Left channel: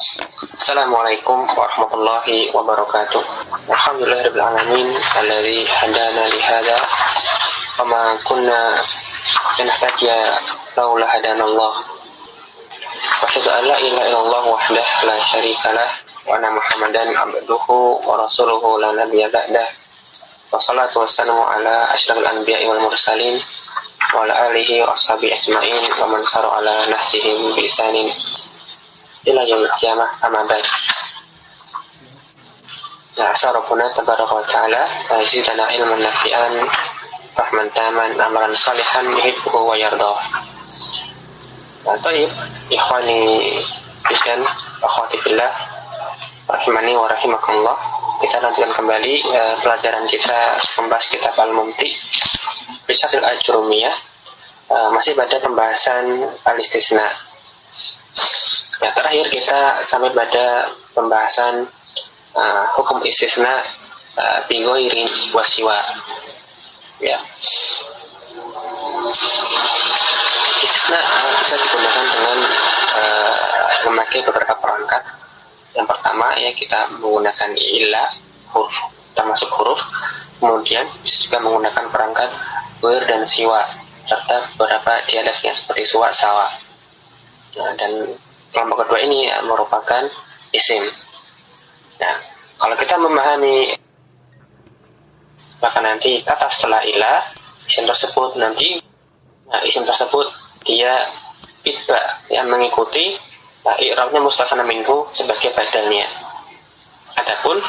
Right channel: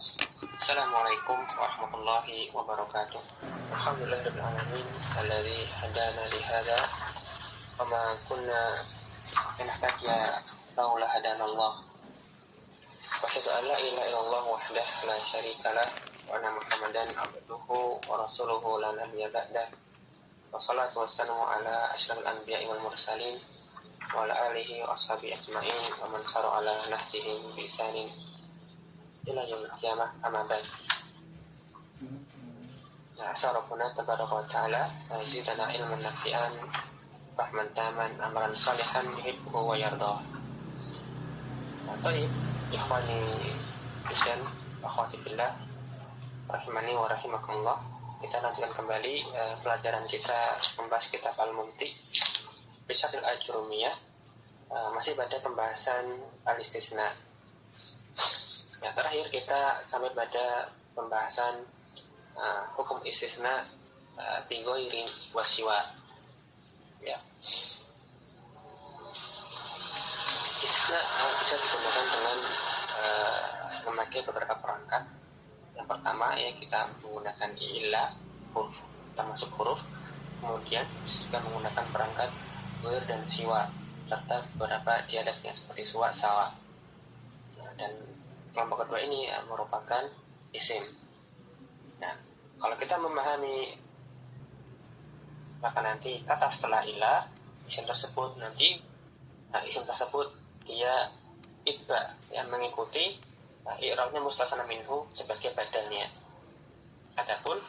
Assalamualaikum warahmatullahi wabarakatuh. Alhamdulillahirabbil alamin alladzi hadana li hadza wa ma kunna linahtadiya laula hadanallah. Wa asyhadu an la ilaha illallah wahdahu la syarikalah wa anna Muhammadan abduhu wa rasuluhu la nabiyya ba'dah. Wassalatu wassalamu ala asyrafil anbiya'i wal mursalin wa ala alihi wa ashabihi ajma'in wa man sara ala nahjihim bi ihsanin ila yaumil qiyamah, amma ba'd. Ya asa rabbuna tabaraka wa ta'ala yazidana ilman nafi'an rahman taman amalan salihan yuhibbuhu wa yardah. Baik, ikhwani dan akhwati fillah rahimani wa rahimakumullah. Kita lanjutkan kembali pelajaran kita membahas kitab Al-Mumti Risatil Ajrumiyah, masih pada pembahasan al-istisna. Ya, terakhir kita sampai pada pembahasan hukum istisna bi ghairi wasiwa. Ya. Istisna bisa digunakan dengan memakai beberapa perangkat. Yang pertama ya kita menggunakan ilah, huruf, termasuk huruf. Kemudian bisa juga menggunakan perangkat ghair dan siwa serta beberapa dialeknya seperti suwa, sawa. Nah, dan kelompok kedua ini merupakan isim. Nah, kalau kita memahami maka nanti kata setelah ilah isim tersebut nanti isim tersebut dia itba yang mengikuti i'rabnya mustasna minhu sebagai badalnya. Adapun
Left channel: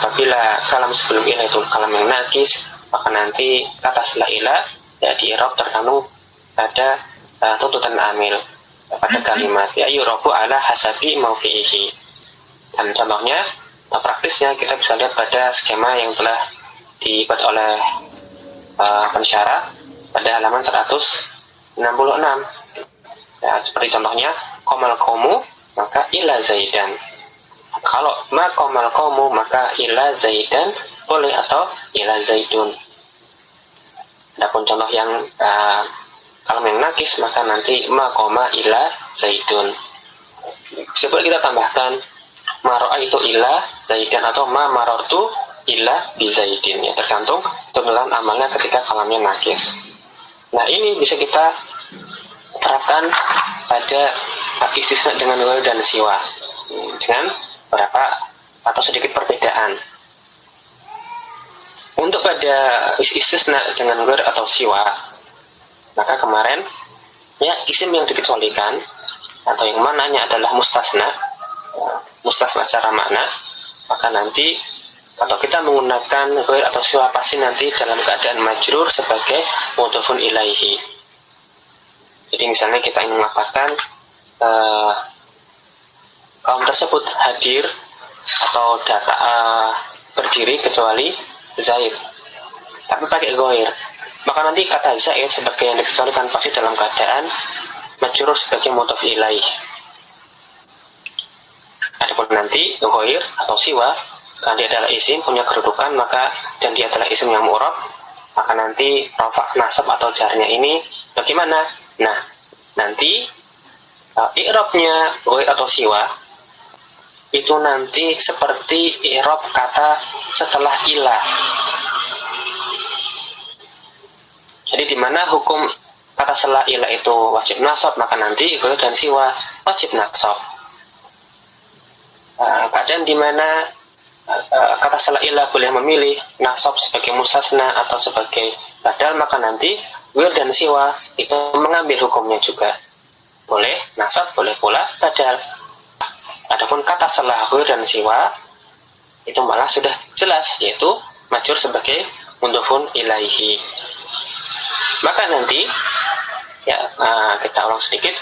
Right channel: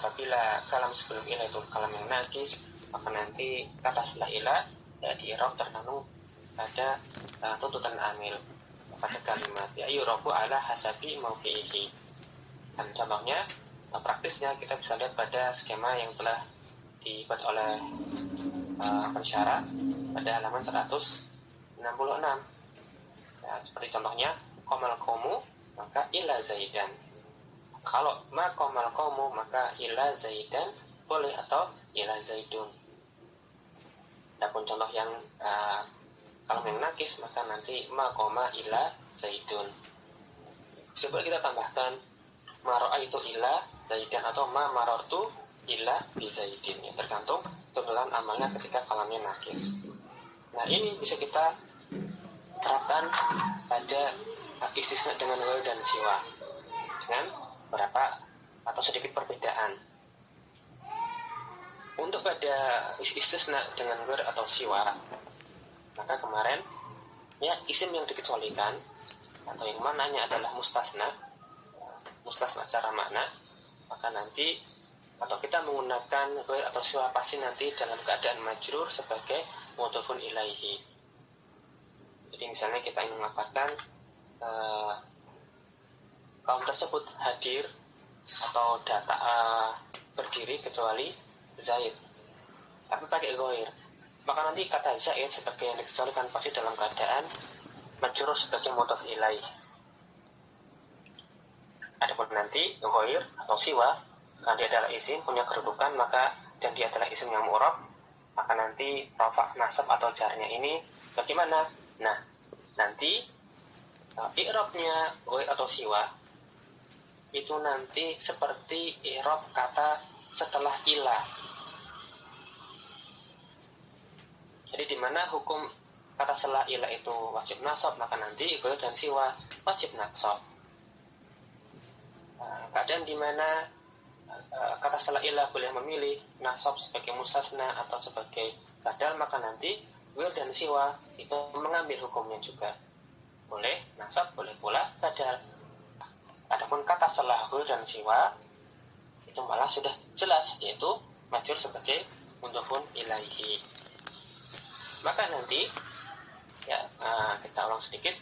apabila kalam sebelum ilah itu kalam yang nakis, maka nanti kata setelah ilah ya di i'rab tergantung pada tuntutan amil pada kalimat ya yurabu ala hasabi maufi'ihi. Dan contohnya praktisnya kita bisa lihat pada skema yang telah dibuat oleh pensyarah pada halaman 166 ya, seperti contohnya komal komu maka ila zaidan. Kalau ma komal komu maka ila zaidan boleh atau ila zaidun. Adapun contoh yang kalau yang nakis maka nanti ma koma ila zaidun. Sebab kita tambahkan maro'a itu ila zaidan atau ma marortu ila bi zaidin ya, tergantung turunan amalnya ketika kalamnya nakis. Nah ini bisa kita terapkan pada istisna dengan ghair dan siwa dengan beberapa atau sedikit perbedaan. Untuk pada istisna dengan ghair atau siwa, maka kemarin ya isim yang dikecualikan atau yang mananya adalah mustasna secara makna, maka nanti atau kita menggunakan ghair atau siwa pasti nanti dalam keadaan majrur sebagai mudhofun ilaihi. Jadi misalnya kita ingin mengatakan kaum tersebut hadir atau berdiri kecuali Zaid, tapi pakai ghair, maka nanti kata Zaid sebagai yang dikecualikan pasti dalam keadaan majrur sebagai mudhof ilaih. Adapun nanti ghair atau siwa karena dia adalah isim punya kedudukan maka dan dia adalah isim yang mu'rab, maka nanti rafa, nasab atau jarnya ini bagaimana? Nah, nanti i'rabnya ghair atau siwa itu nanti seperti i'rab kata setelah ilah. Jadi di mana hukum kata setelah ilah itu wajib nasab, maka nanti ghair dan siwa wajib nasab. Keadaan di mana kata setelah ilah boleh memilih nasab sebagai mustasna atau sebagai badal, maka nanti ghair dan siwa itu mengambil hukumnya juga. Boleh nasab, boleh pula badal. Adapun kata setelah ghair dan siwa itu malah sudah jelas, yaitu majrur sebagai mudhofun ilaihi. Maka nanti ya kita ulang sedikit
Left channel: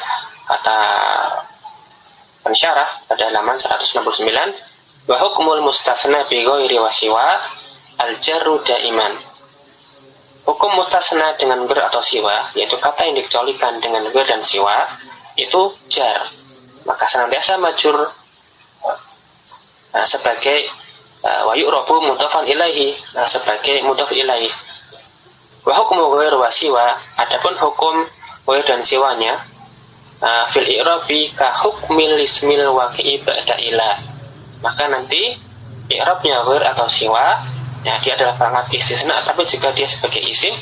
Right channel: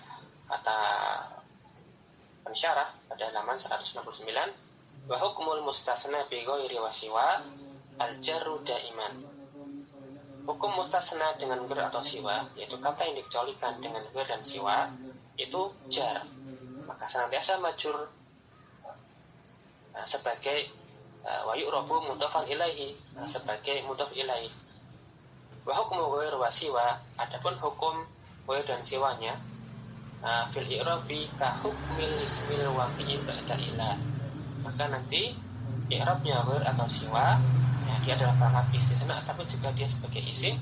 kata pensyarah pada halaman 169, wa hukmul mustasna bi ghairi wasiwa al-jarru daiman. Hukum mustasna dengan ghair atau siwa, yaitu kata yang dikecualikan dengan ghair dan siwa, itu jar, maka senantiasa majrur sebagai wa yu'rabu mudhofan ilaihi, sebagai mudhof ilaihi. Wa hukmu ghair wa siwa, adapun hukum ghair dan siwanya fil i'rabi ka hukmil ismil waqi'i ba'da ila. Maka nanti i'rabnya ghair atau siwa, ya dia adalah perangkat istisna, tapi jika dia sebagai isim,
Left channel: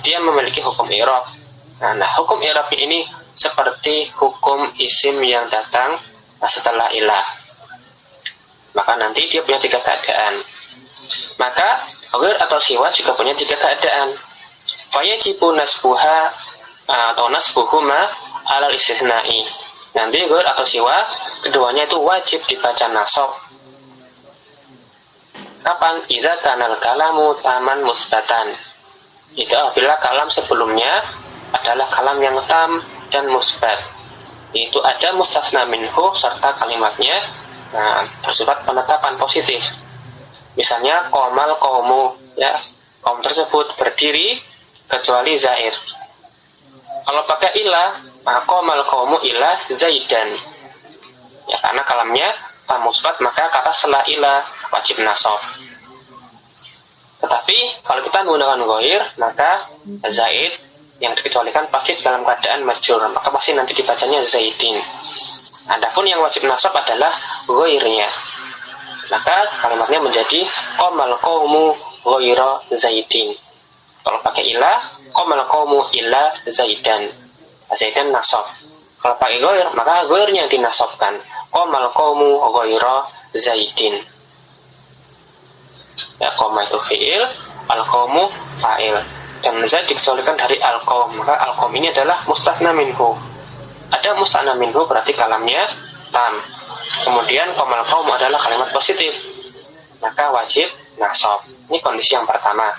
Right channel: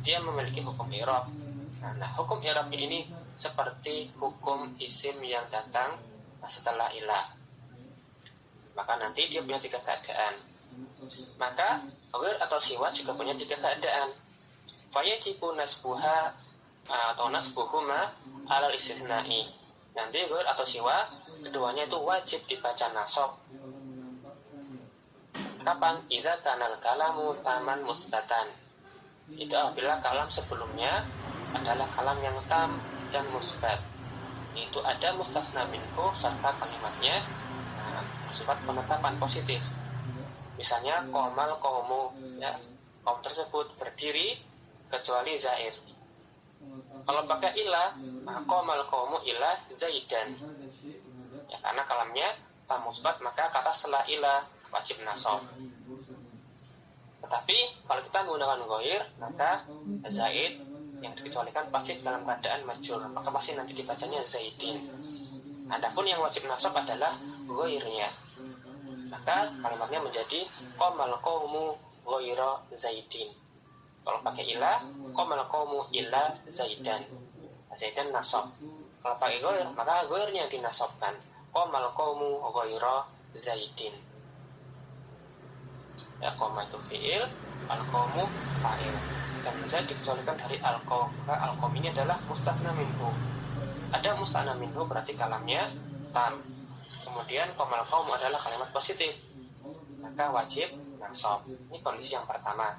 dia memiliki hukum i'rab. Nah, hukum i'rab ini seperti hukum isim yang datang setelah ilah. Maka nanti dia punya 3 keadaan. Maka ghair atau siwa juga punya 3 keadaan. Fayajibu nasbuha atau nasbuhuma alal istisna'i. Nanti ghair atau siwa keduanya itu wajib dibaca nasab. Kapan? Idza kanal kalamu taman musbatan. Itu apabila kalam sebelumnya adalah kalam yang tam dan musbat. Itu ada mustasna minhu serta kalimatnya bersifat penetapan positif. Misalnya qomal qaumu, ya, kaum tersebut berdiri kecuali zaid. Kalau pakai ilah, qomal qaumu ilah zaidan. Ya, karena kalamnya tam musbat, maka kata setelah ilah wajib nasab. Tetapi kalau kita menggunakan ghair, maka zaid yang dikecualikan pasti dalam keadaan majrur, maka pasti nanti dibacanya zaidin. Adapun yang wajib nasab adalah ghairnya, maka kalimatnya menjadi qomal qaumu ghaira zaidin. Kalau pakai ilah, qomal qaumu illa zaidan. Zaidan nasab. Kalau pakai ghair, maka ghairnya yang dinasabkan. Qomal qaumu ghaira zaidin. Ya, qoma itu fi'il, al-qaumu fa'il. Dan zaid dikecualikan dari al-qaum, maka al-qaum ini adalah mustatsna minhu. Ada mustatsna minhu berarti kalamnya tam. Kemudian qomal qaum adalah kalimat positif, maka wajib nasab. Ini kondisi yang pertama.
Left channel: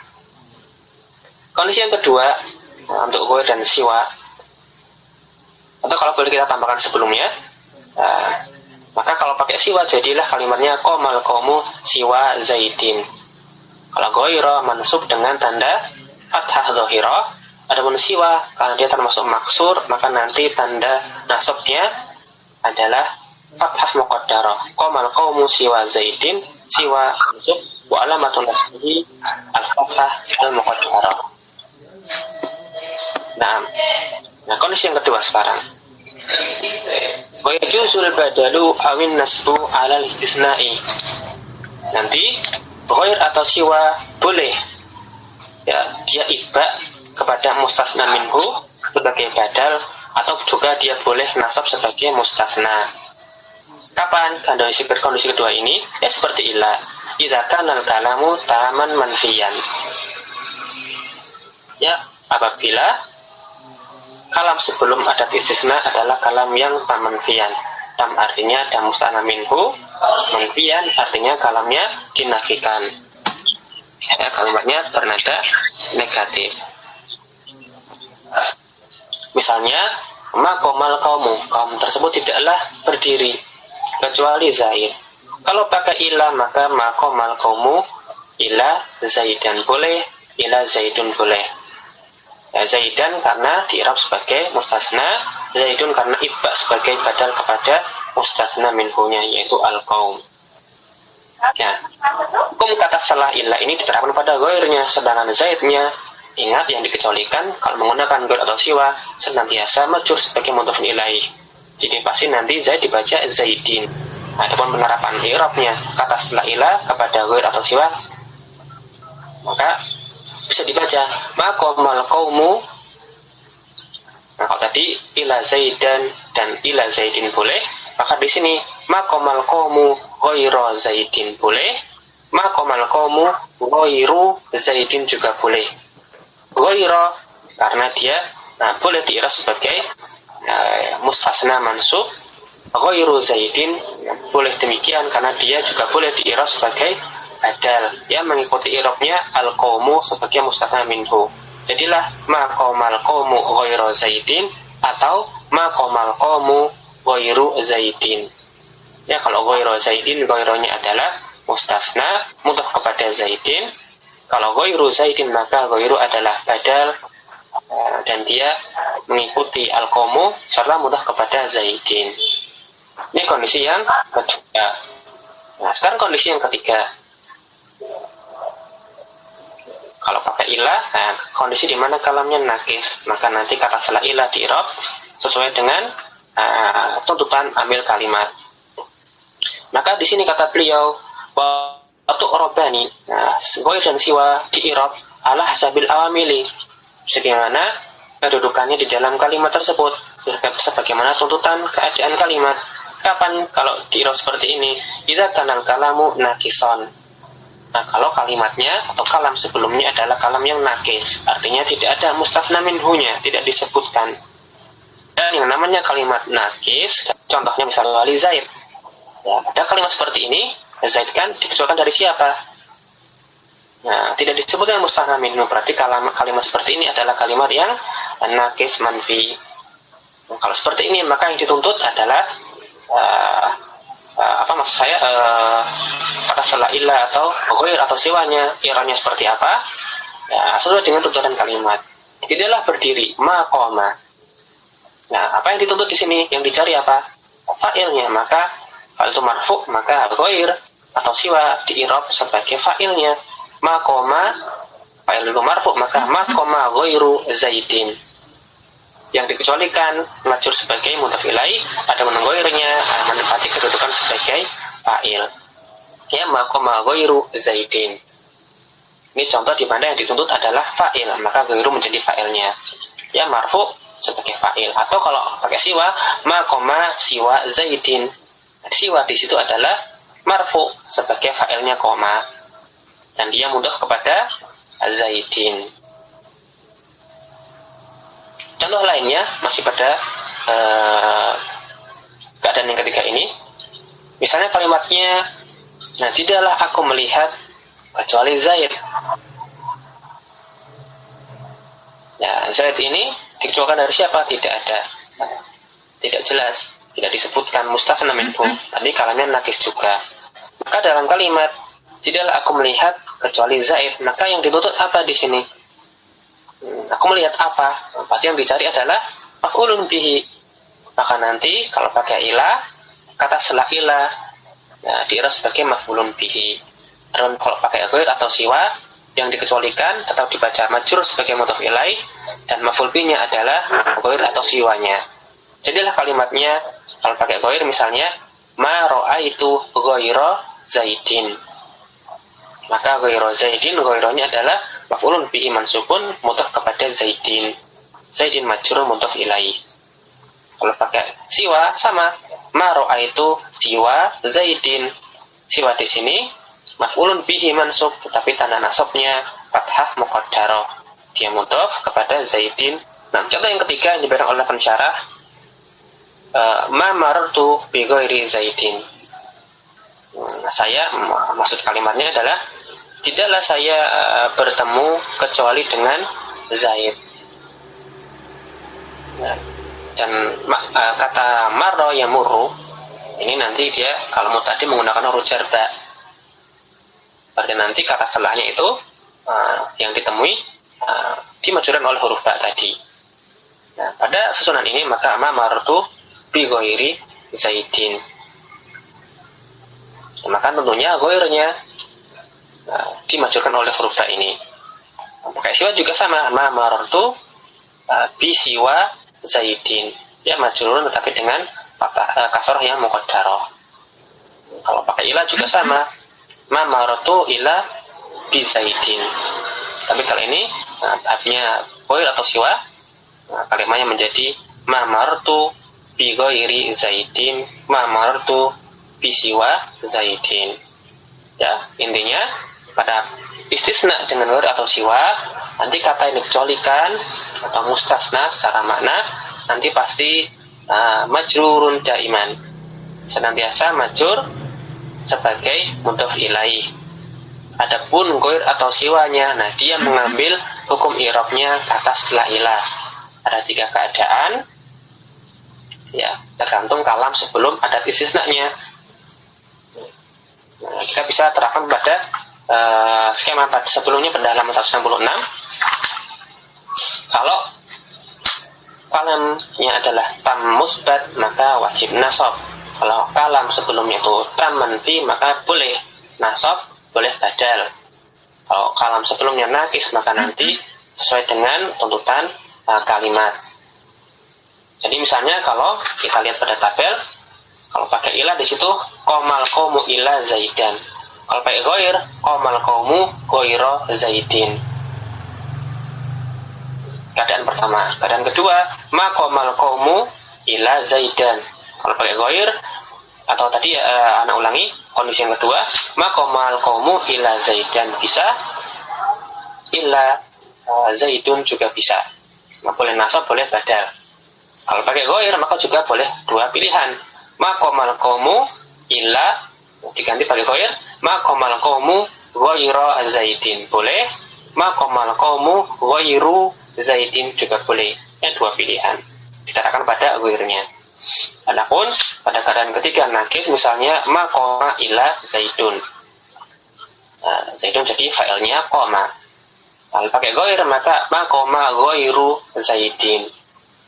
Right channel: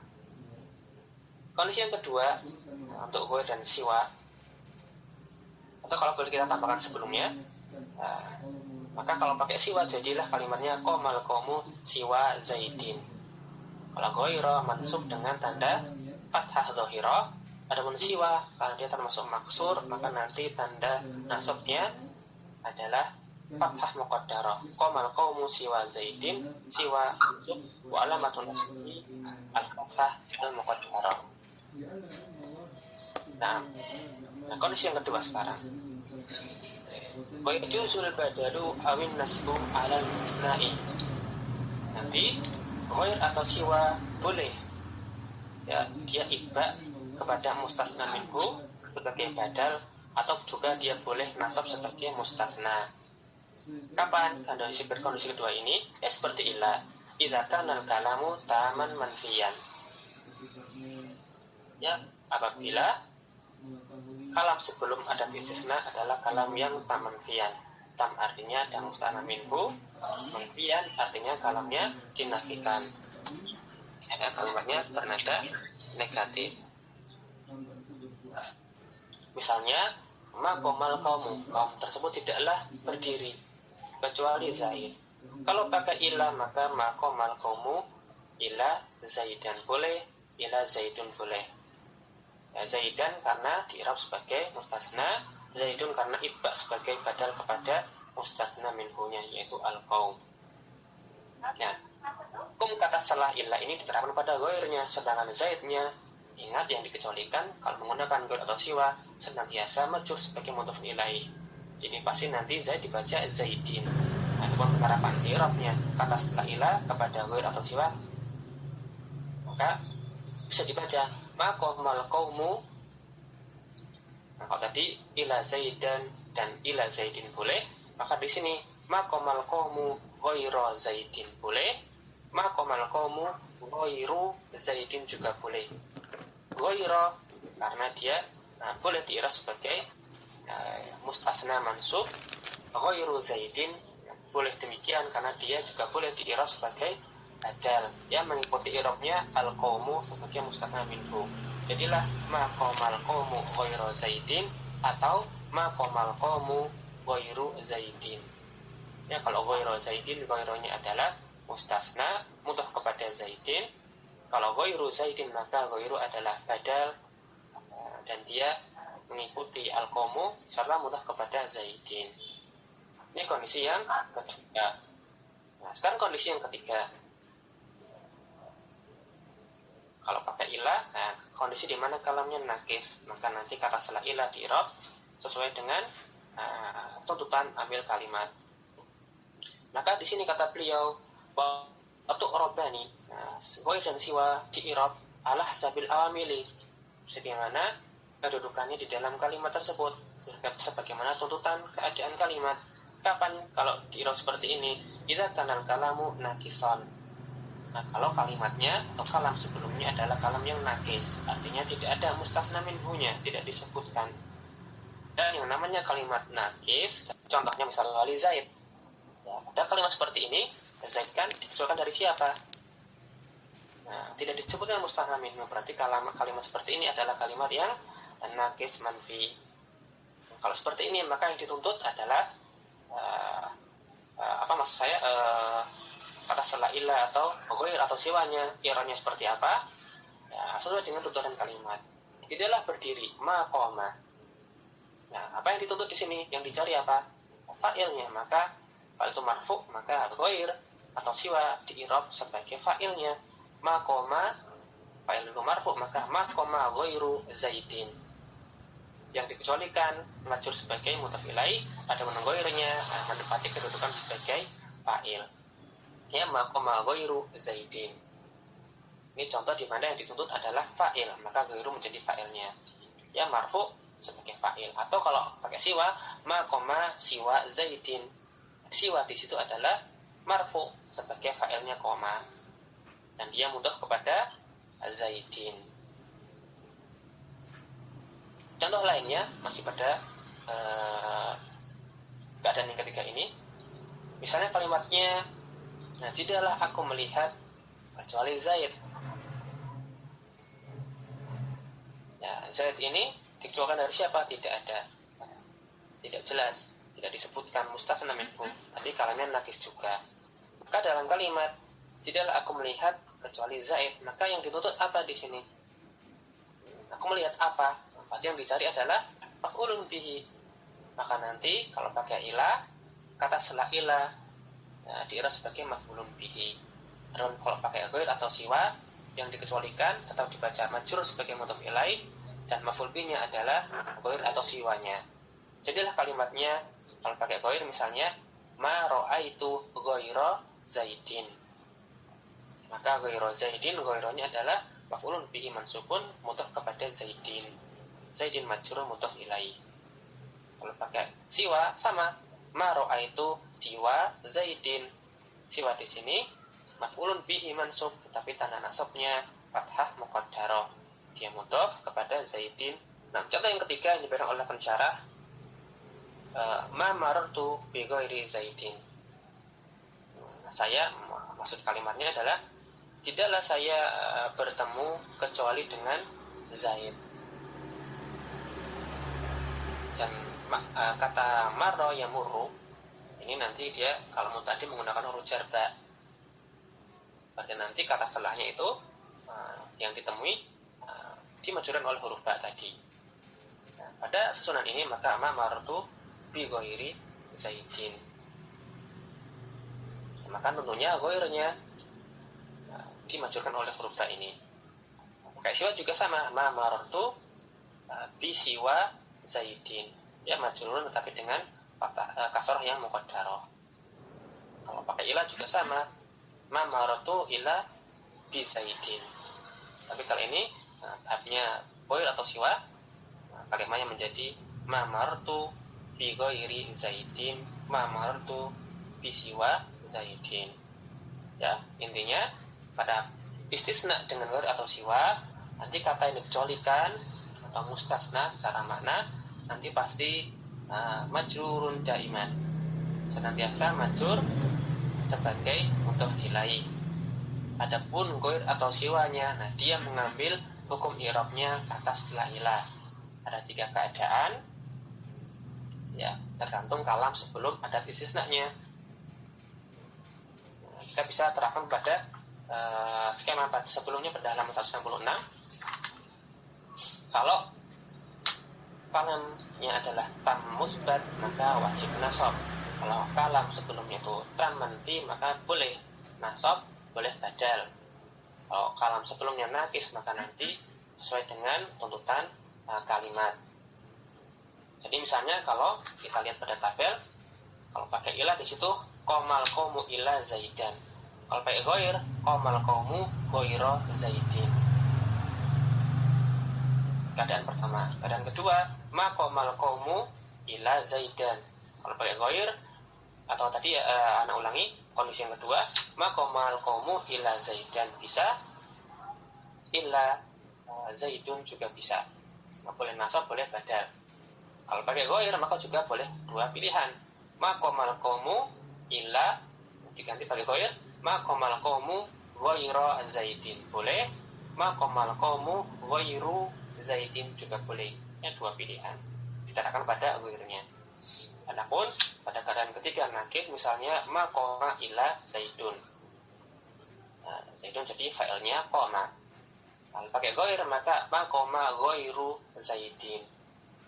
Kondisi yang kedua, untuk ghair dan siwa, atau kalau boleh kita tambahkan sebelumnya, maka kalau pakai siwa jadilah kalimatnya qomal qaumu siwa zaidin. Kalau ghaira mansub dengan tanda fathah dhahirah, adapun siwa karena dia termasuk maksur, maka nanti tanda nasabnya adalah fathah muqaddarah. Qomal qaumu siwa zaidin, siwa mansub wa alamatun nasbihi al-fathah al-muqaddarah. Nah, kondisi yang kedua sekarang. Wa yajuzu badalu awin nasbu ala istisna'i. Nanti ghair atau siwa boleh, ya, dia iba kepada mustasna minhu sebagai badal, atau juga dia boleh nasab sebagai mustasna. Kapan? Kondisi kedua ini ya seperti ilah. Idza kana al-kalamu taman manfiyan. Ya, apabila kalam sebelum adat istisna adalah kalam yang tam manfiyan. Tam artinya ada mustasna minhu, manfiyan artinya kalamnya dinafikan. Ya, kalimatnya bernada negatif. Misalnya, ma qomal qaumu, kaum tersebut tidaklah berdiri kecuali zaid. Kalau pakai ilah, maka ma qomal qaumu ila zaidan boleh, ila zaidun boleh. Ya, zaidan karena di'rab sebagai mustasna, zaidun karena ibba sebagai badal kepada mustasna minhunya, yaitu al-qaum. Ya, hukum kata salah ilah ini diterapkan pada ghairnya, sedangkan zaidnya, ingat yang dikecualikan kalau menggunakan ghair atau siwa senantiasa majrur sebagai mudhof ilaih. Jadi pasti nanti zaid dibaca zaidin. Adapun penerapan i'rabnya kata setelah ilah kepada ghair atau siwa, maka bisa dibaca maqamal qaumu. Nah, kalau tadi ila zaidan dan ila zaidin boleh, maka di sini maqamal qaumu ghaira zaidin boleh, maqamal qaumu ghairu zaidin juga boleh. Ghaira karena dia boleh di'rab sebagai mustasna mansub, ghairu zaidin boleh demikian karena dia juga boleh di'rab sebagai badal, ya, mengikuti i'rabnya al-qaumu sebagai mustasna minhu. Jadilah maqamal qaumu ghairu zaidin atau maqamal qaumu ghairu zaidin. Ya, kalau ghairu zaidin, ghairunya adalah mustasna mudhof kepada zaidin. Kalau ghairu zaidin, maka ghairu adalah badal dan dia mengikuti al-qaumu serta mudhof kepada zaidin. Ini kondisi yang kedua. Nah, sekarang kondisi yang ketiga. Kalau pakai ilah, kondisi di mana kalamnya nakis, maka nanti kata setelah ilah di'rab sesuai dengan tuntutan ambil kalimat. Maka di sini kata beliau, waktu robani, goir dan siwa di irob ala hasabil awamili, sebagaimana kedudukannya di dalam kalimat tersebut, sebagaimana tuntutan keadaan kalimat. Kapan kalau di irob seperti ini? Idza kanal kalamu nakison. Nah, kalau kalimatnya atau kalam sebelumnya adalah kalam yang nakis, artinya tidak ada mustasna minhunya, tidak disebutkan. Dan yang namanya kalimat nakis, contohnya misalnya wali Zaid. Ya, pada kalimat seperti ini, Zaid kan dikecualikan dari siapa? Nah, tidak disebutkan mustasna minhu, berarti kalimat seperti ini adalah kalimat yang nakis manfi. Nah, kalau seperti ini, maka yang dituntut adalah kata setelah ilah atau ghair atau siwanya, iranya seperti apa? Ya, sesuai dengan tuntutan kalimat. Tidaklah berdiri, maqama. Nah, apa yang dituntut di sini? Yang dicari apa? Fa'ilnya. Maka kalau itu marfu, maka ghair atau siwa di-i'rab sebagai fa'ilnya. Maqama, fa'il itu marfu, maka maqama ghairu Zaidin. Yang dikecualikan majrur sebagai mudhaf ilaih, ada ghairnya menempati kedudukan sebagai fa'il. Ya, maqama ghairu Zaidin. Ini contoh di mana yang dituntut adalah fa'il, maka ghairu menjadi fa'ilnya. Ya, marfu sebagai fa'il, atau kalau pakai siwa, maqama siwa Zaidin. Siwa di situ adalah marfu sebagai fa'ilnya koma, dan dia mudhaf kepada Zaidin. Contoh lainnya masih pada keadaan yang ketiga ini, misalnya kalimatnya, nah tidaklah aku melihat kecuali Zaid. Ya, Zaid ini dikecualikan dari siapa? Tidak ada, tidak jelas, tidak disebutkan mustasna minhu, tadi kalamnya nakis juga. Maka dalam kalimat tidaklah aku melihat kecuali Zaid, maka yang dituntut apa di sini? Aku melihat apa? Berarti yang dicari adalah maf'ulun bihi. Maka nanti kalau pakai ilah, kata setelah ilah, ya, di'rab sebagai maf'ulun bihi. Dan kalau pakai ghair atau siwa, yang dikecualikan tetap dibaca majrur sebagai mudhaf ilaih, dan maf'ul bihi-nya adalah ghair atau siwanya. Jadilah kalimatnya kalau pakai ghair misalnya ma ra'aitu ghaira Zaidin. Maka ghaira Zaidin, ghairanya adalah maf'ulun bihi mansubun mudhaf kepada Zaidin. Zaidin majrur mudhaf ilaih. Kalau pakai siwa sama, ma ra'aitu siwa Zaidin. Siwa di sini maf'ulun bihi mansub, tetapi tanda nasabnya fathah muqaddarah, dia mudhaf kepada Zaidin. Nah, contoh yang ketiga yang diberikan oleh pensyarah, ma marartu bi ghairi Zaidin. Saya, maksud kalimatnya adalah tidaklah saya bertemu kecuali dengan Zaid. Dan kata marra yamurru ini nanti dia kalau mutadi menggunakan huruf jar ba. Berarti nanti kata setelahnya itu yang ditemui dimajrurkan oleh huruf ba tadi. Nah, pada susunan ini maka ma marartu bi ghairi Zaidin. Maka tentunya ghairnya dimajrurkan oleh huruf ba ini. Pakai siwa juga sama, ma marartu bi siwa Zaidin. Ya majrurun tetapi dengan kasrah yang muqaddarah. Kalau pakai ilah juga sama, ma marartu ila bi Zaidin. Tapi kalau ini tahapnya ghair atau siwa, kalimatnya menjadi ma marartu bi ghairi Zaidin, ma marartu bi siwa Zaidin. Ya, intinya pada istisna dengan ghair atau siwa, nanti kata yang dikecualikan atau mustasna secara makna nanti pasti majrurun daiman, senantiasa majrur sebagai mudhaf ilaih. Adapun ghair atau siwanya, nah dia mengambil hukum i'rabnya kata setelah ilah. Ada 3 keadaan, ya tergantung kalam sebelum adat istisnanya. Nah, kita bisa terapkan pada skema tadi sebelumnya pada halaman 166. Kalau kalamnya adalah tam musbat maka wajib nasab. Kalau kalam sebelumnya itu tam manfi maka boleh nasab, boleh badal. Kalau kalam sebelumnya nakis maka nanti sesuai dengan tuntutan kalimat. Jadi misalnya kalau kita lihat pada tabel, kalau pakai ilah di situ qomal qaumu ila zaidan. Kalau pakai ghair, qomal qaumu ghaira zaidin. Keadaan pertama. Keadaan kedua, ma qomal qaumu ila zaidan. Kalau pakai ghair atau tadi anak ulangi kondisi yang kedua, ma qomal qaumu ila zaidan bisa, ila zaidun juga bisa. Boleh nasab, boleh badal. Kalau pakai ghair maka juga boleh dua pilihan. Ma qomal qaumu ila diganti pakai ghair, ma qomal qaumu ghaira zaidin boleh, ma qomal qaumu ghairu zaidin juga boleh. Dua pilihan dikatakan pada ghairnya. Adapun pada keadaan ketiga nakif, misalnya ma qoma ila zaidun, zaidun jadi failnya qoma. Kalau pakai ghair maka ma qoma ghairu zaidin,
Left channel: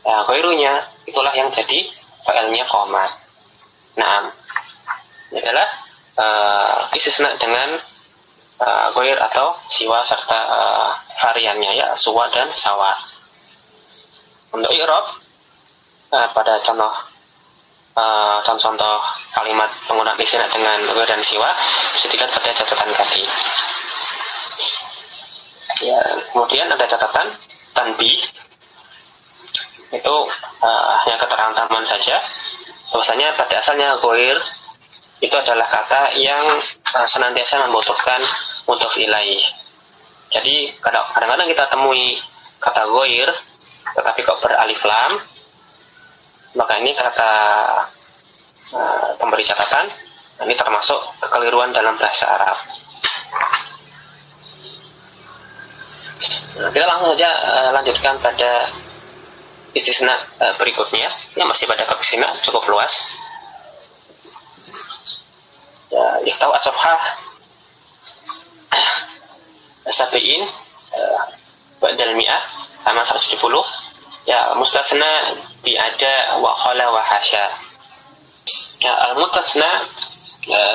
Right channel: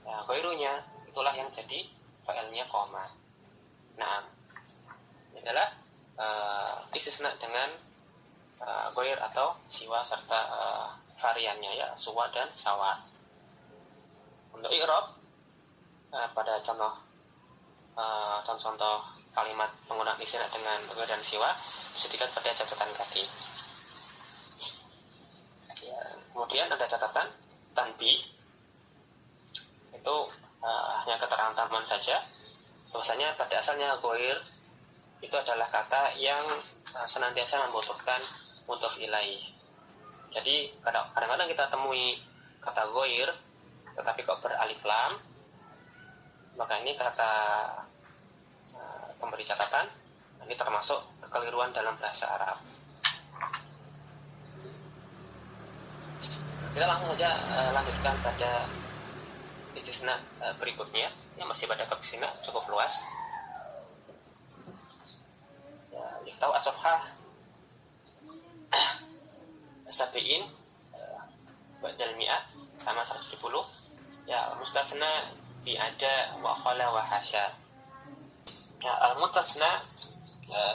ghairunya itulah yang jadi failnya qoma. Nah, ini adalah istisna dengan ghair atau siwa serta variannya, ya, suwa dan sawa. Untuk i'rab pada contoh kalimat penggunaan istisna dengan ghair dan siwa bisa dilihat pada catatan kaki. Ya, kemudian ada catatan tanbih, itu hanya keterangan tambahan saja. Bahwasanya pada asalnya ghair itu adalah kata yang senantiasa membutuhkan mudhof ilaih. Jadi kadang-kadang kita temui kata ghair tetapi kok beralif lam, maka ini kata pemberi catatan, ini termasuk kekeliruan dalam bahasa Arab. Nah, kita langsung saja lanjutkan pada istisna berikutnya. Ini masih pada bab istisna, cukup luas. Ya, iktau as-safhah sabi'in ba'dal mi'ah sama 170. Ya, mustasna bi ada wa khala wa hasya. Ya, al-mutasna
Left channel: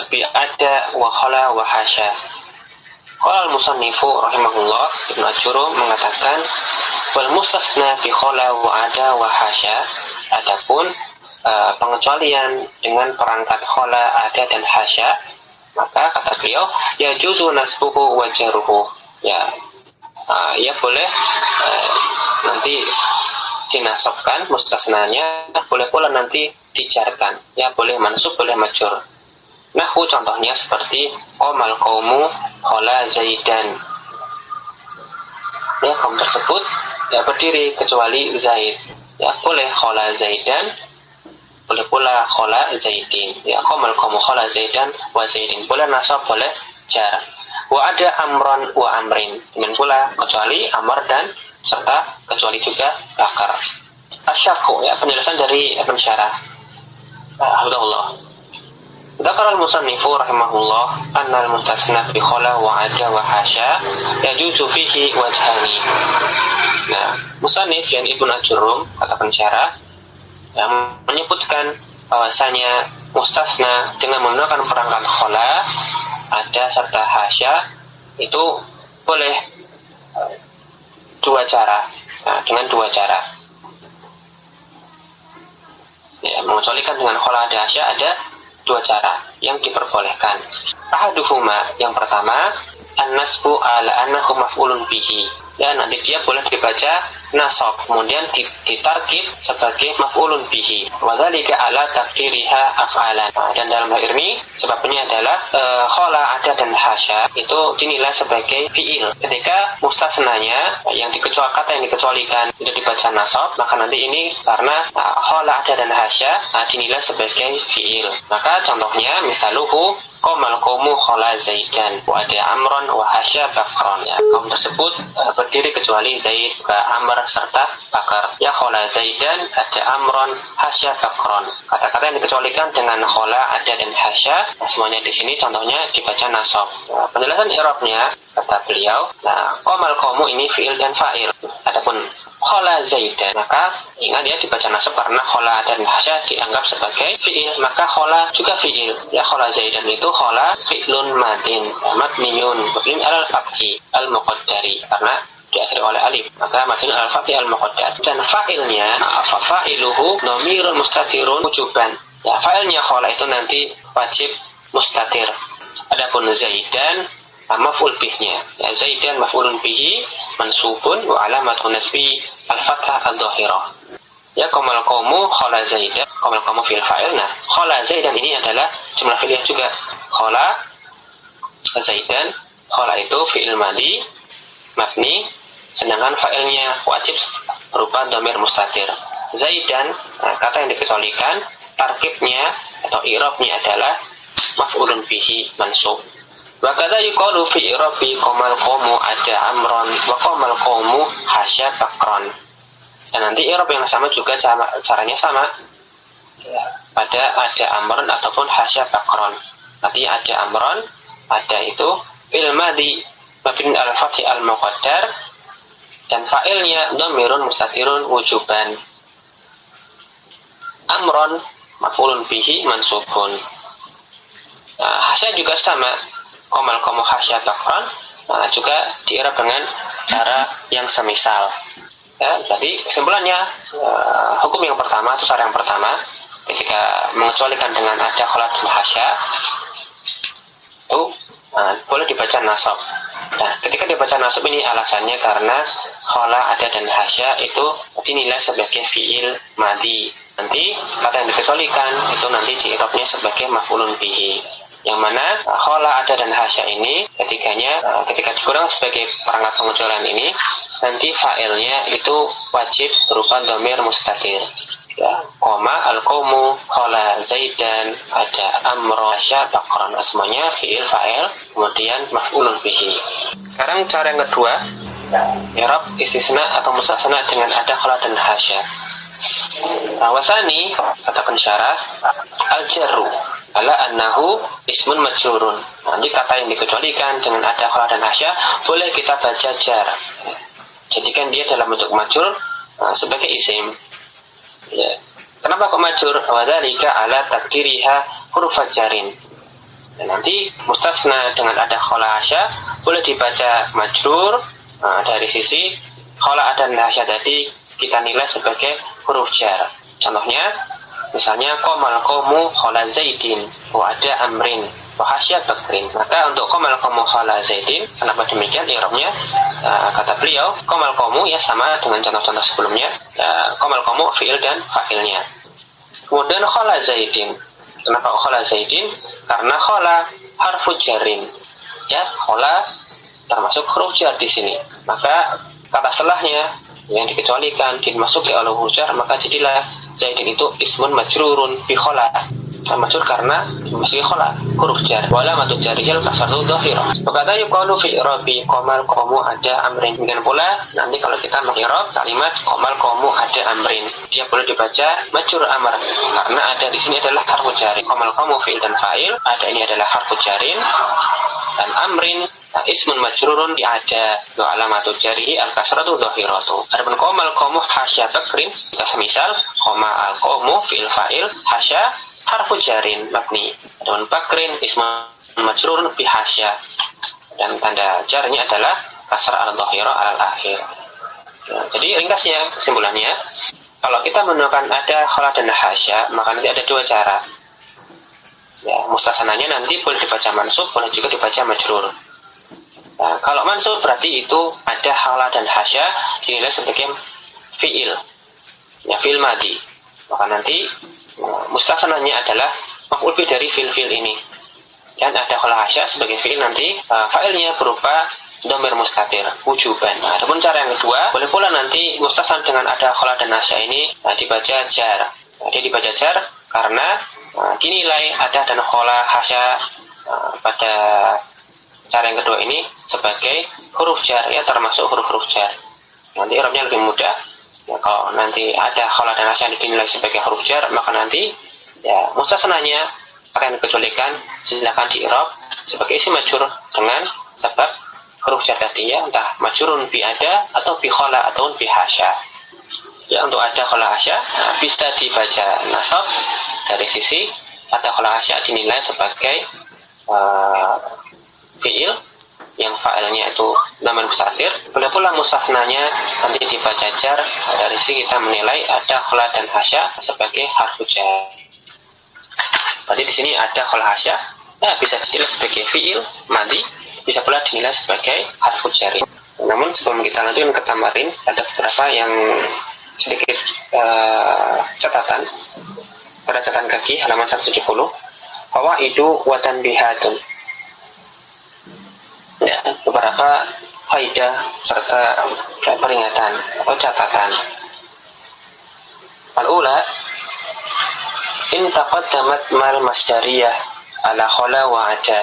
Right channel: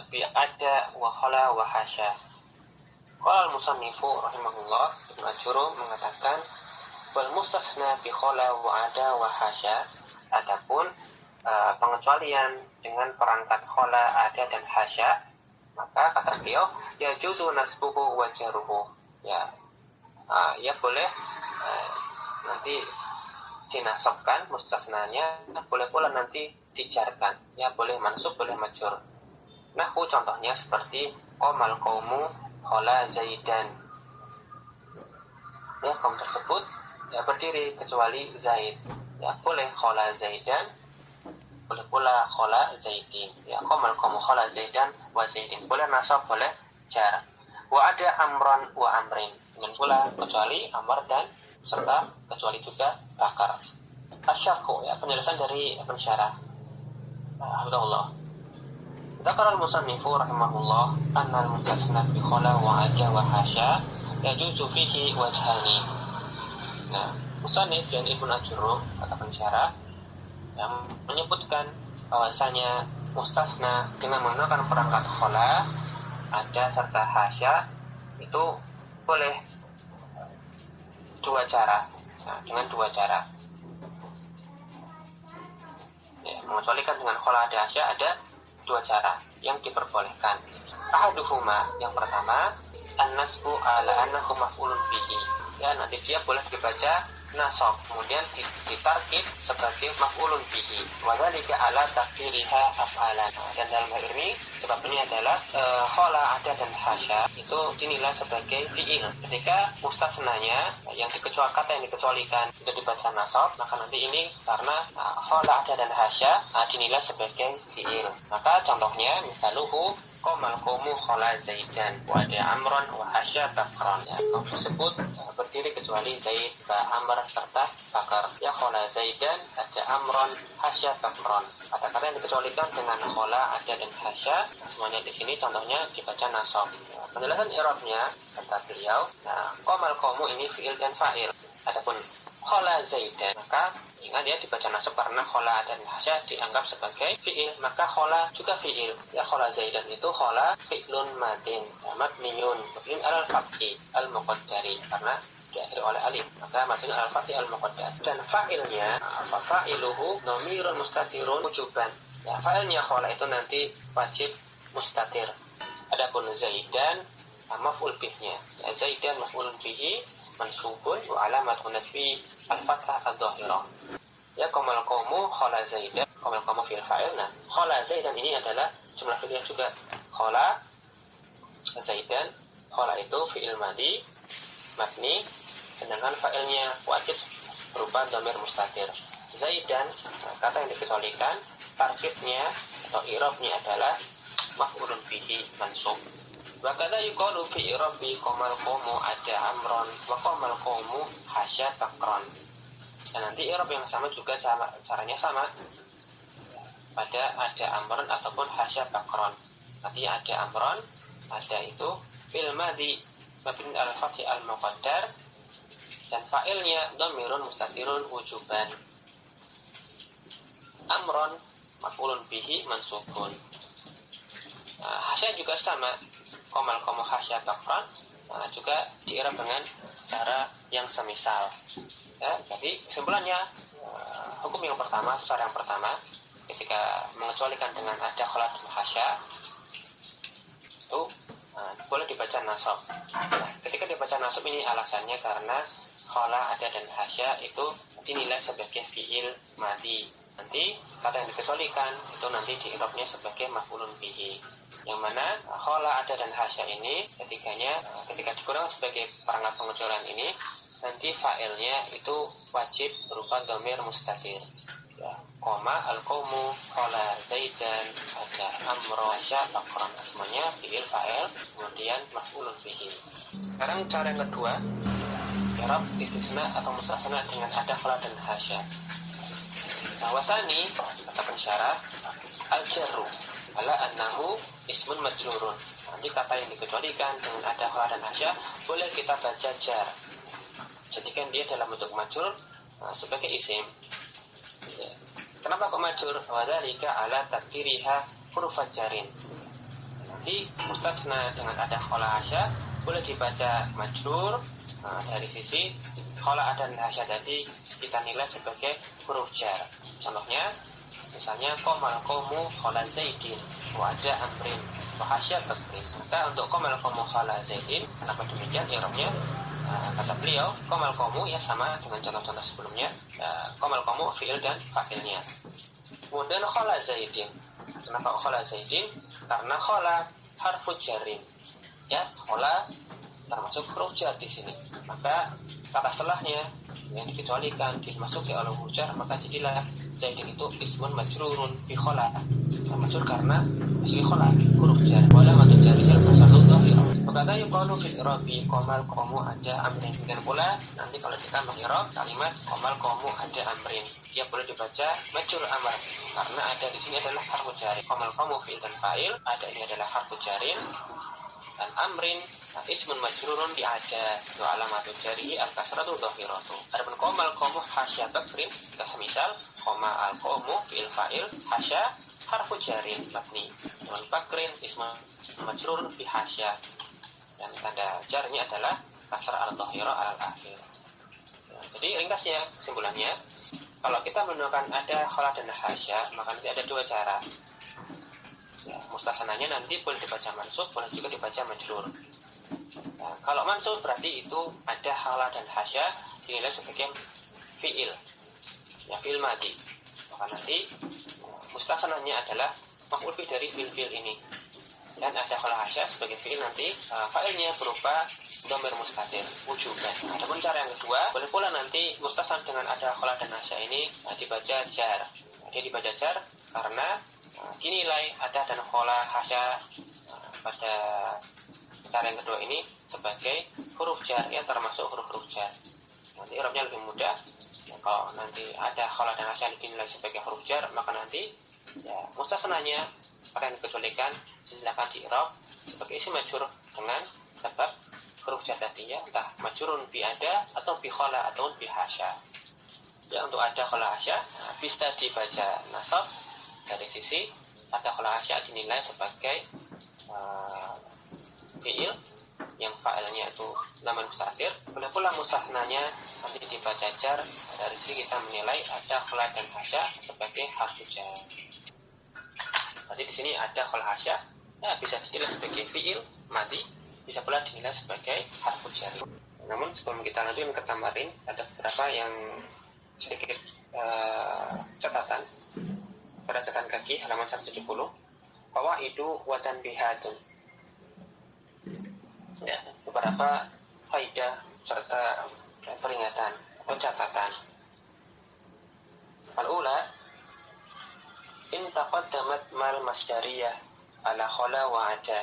bi ada wa khala wa hasya. Qala al-musannifu rahimahullah, Ibnu Ajurrum mengatakan wal mustasna bi khala wa ada wa hasya. Adapun pengecualian dengan perangkat khala, ada dan hasya, maka kata beliau ya juzu nasbuhu wa jarruhu, ya boleh nanti dinasabkan mustasnanya, boleh pula nanti dijarkan, ya boleh mansub boleh majrur. Nahwu contohnya seperti qomal qaumu khala zaidan, ya kaum tersebut ya berdiri kecuali Zaid, ya boleh khala zaidan, boleh pula khala zaidin, ya qomal qaumu khala zaidan wa zaidin, boleh nasab boleh jar. Wa ada amran wa amrin, dengan pula kecuali amr dan serta kecuali juga bakar. Asyarhu, ya penjelasan dari Ibn Syarah. Alhamdulillah. Dzakara al-musannifu rahimahullah anna al-mustasna bi khala wa ada wa hasya yajuzu fihi wajhani. Nah, musannif yang Ibnu Ajurrum kata pensyarah yang menyebutkan bahwasanya mustasna dengan menggunakan perangkat khala, ada serta hasya itu boleh dua cara. Nah, dengan dua cara. Ya, mengecualikan dengan khala ada hasya ada dua cara yang diperbolehkan. Ahaduhuma, yang pertama, an-nasbu ala annahu maf'ulun bihi. Ya, nanti dia boleh dibaca nasab kemudian ditarkib sebagai maf'ulun bihi. Wa dzalika ala taqdiriha af'alan. Dan dalam hal ini sebabnya adalah khala, ada dan hasya itu dinilai sebagai fi'il. Ketika mustasnanya kata yang dikecualikan itu dibaca nasab, maka nanti ini karena khala, ada dan hasya dinilai sebagai fi'il. Maka contohnya misaluhu qomal qaumu khala zaidan wa ada amron wa hasya bakron, ya kaum tersebut berdiri kecuali Zaid, juga amr serta bakar. Ya khala zaidan ada amron hasya bakron, kata-kata yang dikecualikan dengan khala, ada dan hasya, semuanya di sini contohnya dibaca nasab. Penjelasan i'rabnya kata beliau, qomal qaumu ini fi'il dan fa'il. Adapun khala zaidan, maka ingat ya dibaca nasab karena khala dan hasya dianggap sebagai fi'il, maka khala juga fi'il. Ya khala zaidan itu khala fi'lun madin mabniyun mabni alal fathi al muqaddari, karena diakhiri oleh alif, maka mabni al fathi al muqaddar. Dan fa'ilnya fa'iluhu dhamirun mustatirun wujuban. Ya, fa'ilnya khola itu nanti wajib mustatir. Adapun zaidan maf'ul bihnya, ya, zaidan maf'ulun bihi mansubun wa alamatun nasbi al fathah al dhahirah. Ya, qamal qaumu khala zaidan, qamal qaumu fil fa'il. Nah, khala zaidan ini adalah jumlah fi'liyah juga. Khala zaidan, khala itu fi'il madhi mabni, sedangkan fa'ilnya wajib berupa dhamir mustatir. Zaidan, nah, kata yang dikecualikan, tarkibnya atau i'rabnya adalah maf'ulun bihi mansub. Wa kadza yuqalu fi i'rabi qamal qaumu ada amron wa qamal qaumu hasya bakron. Dan nanti i'rab yang sama juga caranya sama. Ya, pada ada amron ataupun hasya bakron. Nanti ada amron, ada itu fil madhi mabni al fathi al muqaddar, dan fa'ilnya dhamirun mustatirun wujuban. Amron maf'ulun bihi mansubun. Nah, hasya juga sama, qamal qaumu hasya bakron, nah, juga di'irab dengan cara yang semisal. Ya, jadi kesimpulannya hukum yang pertama atau cara yang pertama ketika mengecualikan dengan ada khola dan hasya itu boleh dibaca nasab. Nah, ketika dibaca nasab ini alasannya karena khola ada dan hasya itu dinilai sebagai fi'il madhi. Nanti kata yang dikecualikan itu nanti di'irabnya sebagai maf'ulun bihi, yang mana khola ada dan hasya ini ketika digunakan sebagai perangkat pengecualian ini nanti fa'ilnya itu wajib berupa dhamir mustatir. Ya, koma al-qaumu khala zaidan ada amro hasya bakron, semuanya fi'il fa'il kemudian maf'ulun bihi. Sekarang cara yang kedua, i'rab istisna atau mustasna dengan ada khala dan hasya. Wasani, kata pensyarah, al-jarru ala annahu ismun majrurun. Nanti kata yang dikecualikan dengan ada khala dan hasya boleh kita baca jar. Jadikan dia dalam bentuk majrur sebagai isim. Ya. Kenapa kok majrur? Wadzalika ala takdiriha huruf jarin. Dan nanti mustasna dengan ada khala hasya boleh dibaca majrur dari sisi khala dan hasya tadi kita nilai sebagai huruf jar. Contohnya, misalnya qamal qaumu khala zaidin wa ada amrin wa hasya bakrin. Maka untuk qamal qaumu khala zaidin, kenapa demikian i'rabnya? Kata beliau, qamal qaumu ya sama dengan contoh-contoh sebelumnya. Qamal qaumu fi'il dan fa'ilnya. Kemudian khala zaidin. Kenapa khala zaidin? Karena khala harfu jarin. Ya, khala termasuk huruf jar di sini. Maka kata setelahnya yang dikecualikan dimasuki oleh huruf jar, maka jadilah zaidin itu ismun majrurun bi khala. Majrur karena dimasuki khala huruf jar. Wala matu jariyal kasratu dhahirah. Berkata yuqalu fi i'rabi qamal qaumu ada amrin. Dengan pula nanti kalau kita meng'irab kalimat qamal qaumu ada amrin, dia boleh dibaca majrur amr karena ada di sini adalah harfu jar. Qamal qaumu fi'il dan fa'il, ada ini adalah harfu jarin, dan amrin ismun majrurun di ada wa alamatu jarihi al kasratu dhahiratu. Adapun qamal qaumu hasya bakrin, kita semisal qama al qaumu fi'il fa'il hasya harfu jarin mabni, dan bakrin ismun majrurun bi hasya, dan tanda jarnya adalah kasrah al-dhahirah al-akhir. Ya, jadi ringkasnya kesimpulannya, kalau kita menemukan ada khala dan hasya, maka nanti ada dua cara. Ya, mustasananya nanti boleh dibaca mansub, boleh juga dibaca majrur. Nah, kalau mansub berarti itu ada khala dan hasya dinilai sebagai fi'il, ya fi'il madhi. Maka nanti mustasananya adalah maf'ul bih dari fi'il ini. Dan ada khala hasya sebagai fi'il nanti fa'ilnya berupa dhamir mustatir wujuban. Nah, adapun cara yang kedua, boleh pula nanti mustasan dengan ada khala dan hasya ini dibaca jar. Dia dibaca jar karena dinilai ada dan khala hasya pada cara yang kedua ini sebagai huruf jar, ya termasuk huruf-huruf jar. Nanti i'rabnya lebih mudah. Ya, kalau nanti ada khala dan hasya dinilai sebagai huruf jar, maka nanti ya mustasananya akan dikecualikan, silakan di-i'rab sebagai isim majrur dengan sebab huruf jar tadi, ya entah majrurun bi ada atau bi khala ataupun bi hasya. Ya, untuk ada khala hasya bisa dibaca nasab dari sisi ada khala hasya dinilai sebagai fi'il yang fa'ilnya itu dhamir mustatir, boleh pula mustasnanya nanti dibaca jar. Dari sini kita menilai ada khala dan hasya sebagai harfu jar. Berarti di sini ada khala hasya, bisa dinilai sebagai fi'il madhi, bisa pula dinilai sebagai harfu jar. Namun sebelum kita lanjutkan ke tamarin, ada beberapa yang sedikit catatan pada catatan kaki halaman 170. Fawaidu wa tanbihatun. Ya, beberapa faidah serta peringatan atau catatan. Al-ula, in taqaddamat mal masdariyah ala khala wa ada.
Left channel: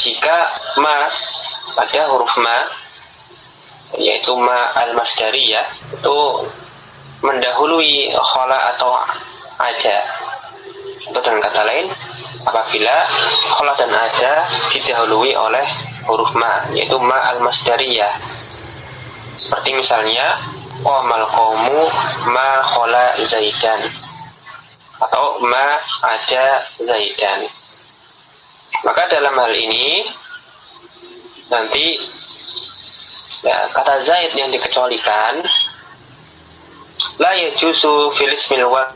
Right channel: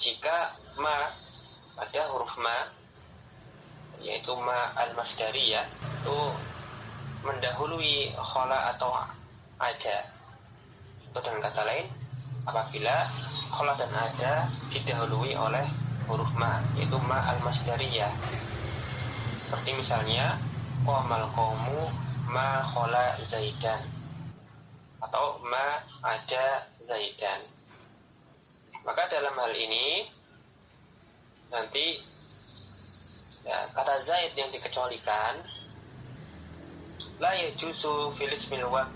Jika ma pada huruf ma, yaitu ma al-masdariyah, itu mendahului khala atau ada. Atau dengan kata lain, apabila khala dan ada didahului oleh huruf ma, yaitu ma al-masdariyah. Seperti misalnya qamal qaumu ma khala zaidan, atau ma ada zaidan. Maka dalam hal ini nanti kata zaid yang dikecualikan la yajuzu fil ismil wa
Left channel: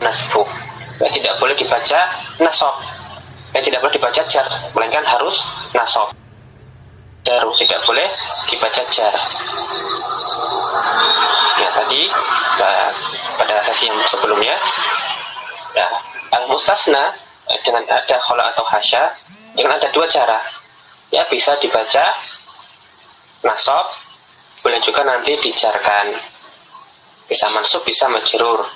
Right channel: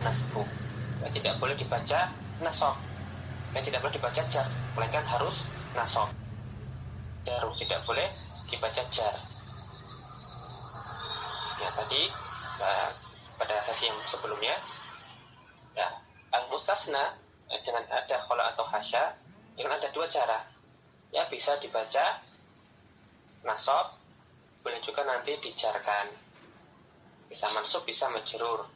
nasbu, tidak boleh dibaca nasab, tidak boleh dibaca jar, melainkan harus nasab. Jaru tidak boleh dibaca jar. Ya, tadi pada sesi yang sebelumnya, al-mustasna dengan ada khala atau hasya, dengan ada dua cara. Ya, bisa dibaca nasab, boleh juga nanti dijarkan. Bisa mansub, bisa majrur.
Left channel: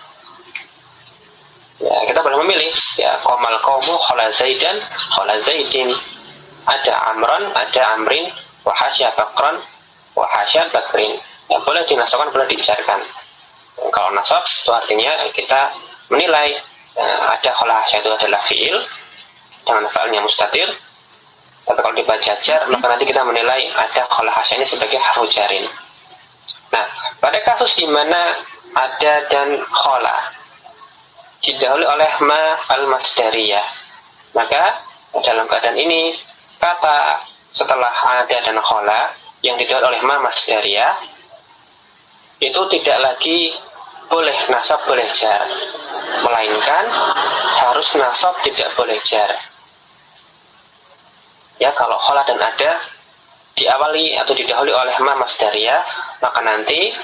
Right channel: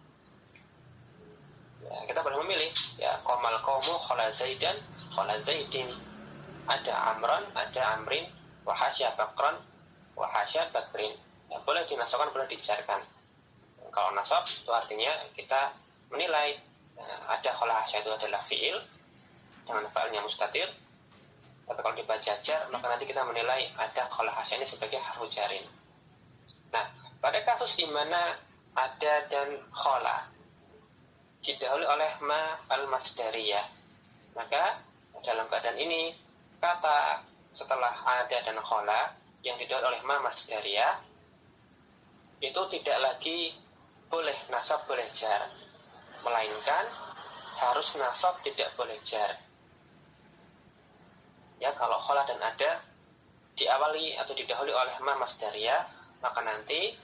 Ya, kita boleh memilih. Ya, qamal qaumu khala zaidan, khala zaidin. Ada amran, ada amrin, wa hasya bakran, wa hasya bakrin. Ya, boleh dinasabkan, boleh dijarkan. Kalau nasab itu artinya kita menilai ada khala hasya itu adalah fi'il dengan fa'ilnya mustatir. Tapi kalau dibaca jar, maka nanti kita menilai ada khala hasya ini sebagai harfu jarin. Nah, pada kasus di mana ada dan khala didahului oleh ma al-masdariyah, maka dalam keadaan ini kata setelah ada dan khala yang didahului oleh ma masdariyah itu tidak lagi boleh nasab boleh jar, melainkan harus nasab tidak boleh jar. Ya, kalau khala dan ada diawali atau didahului oleh ma masdariyah, maka nanti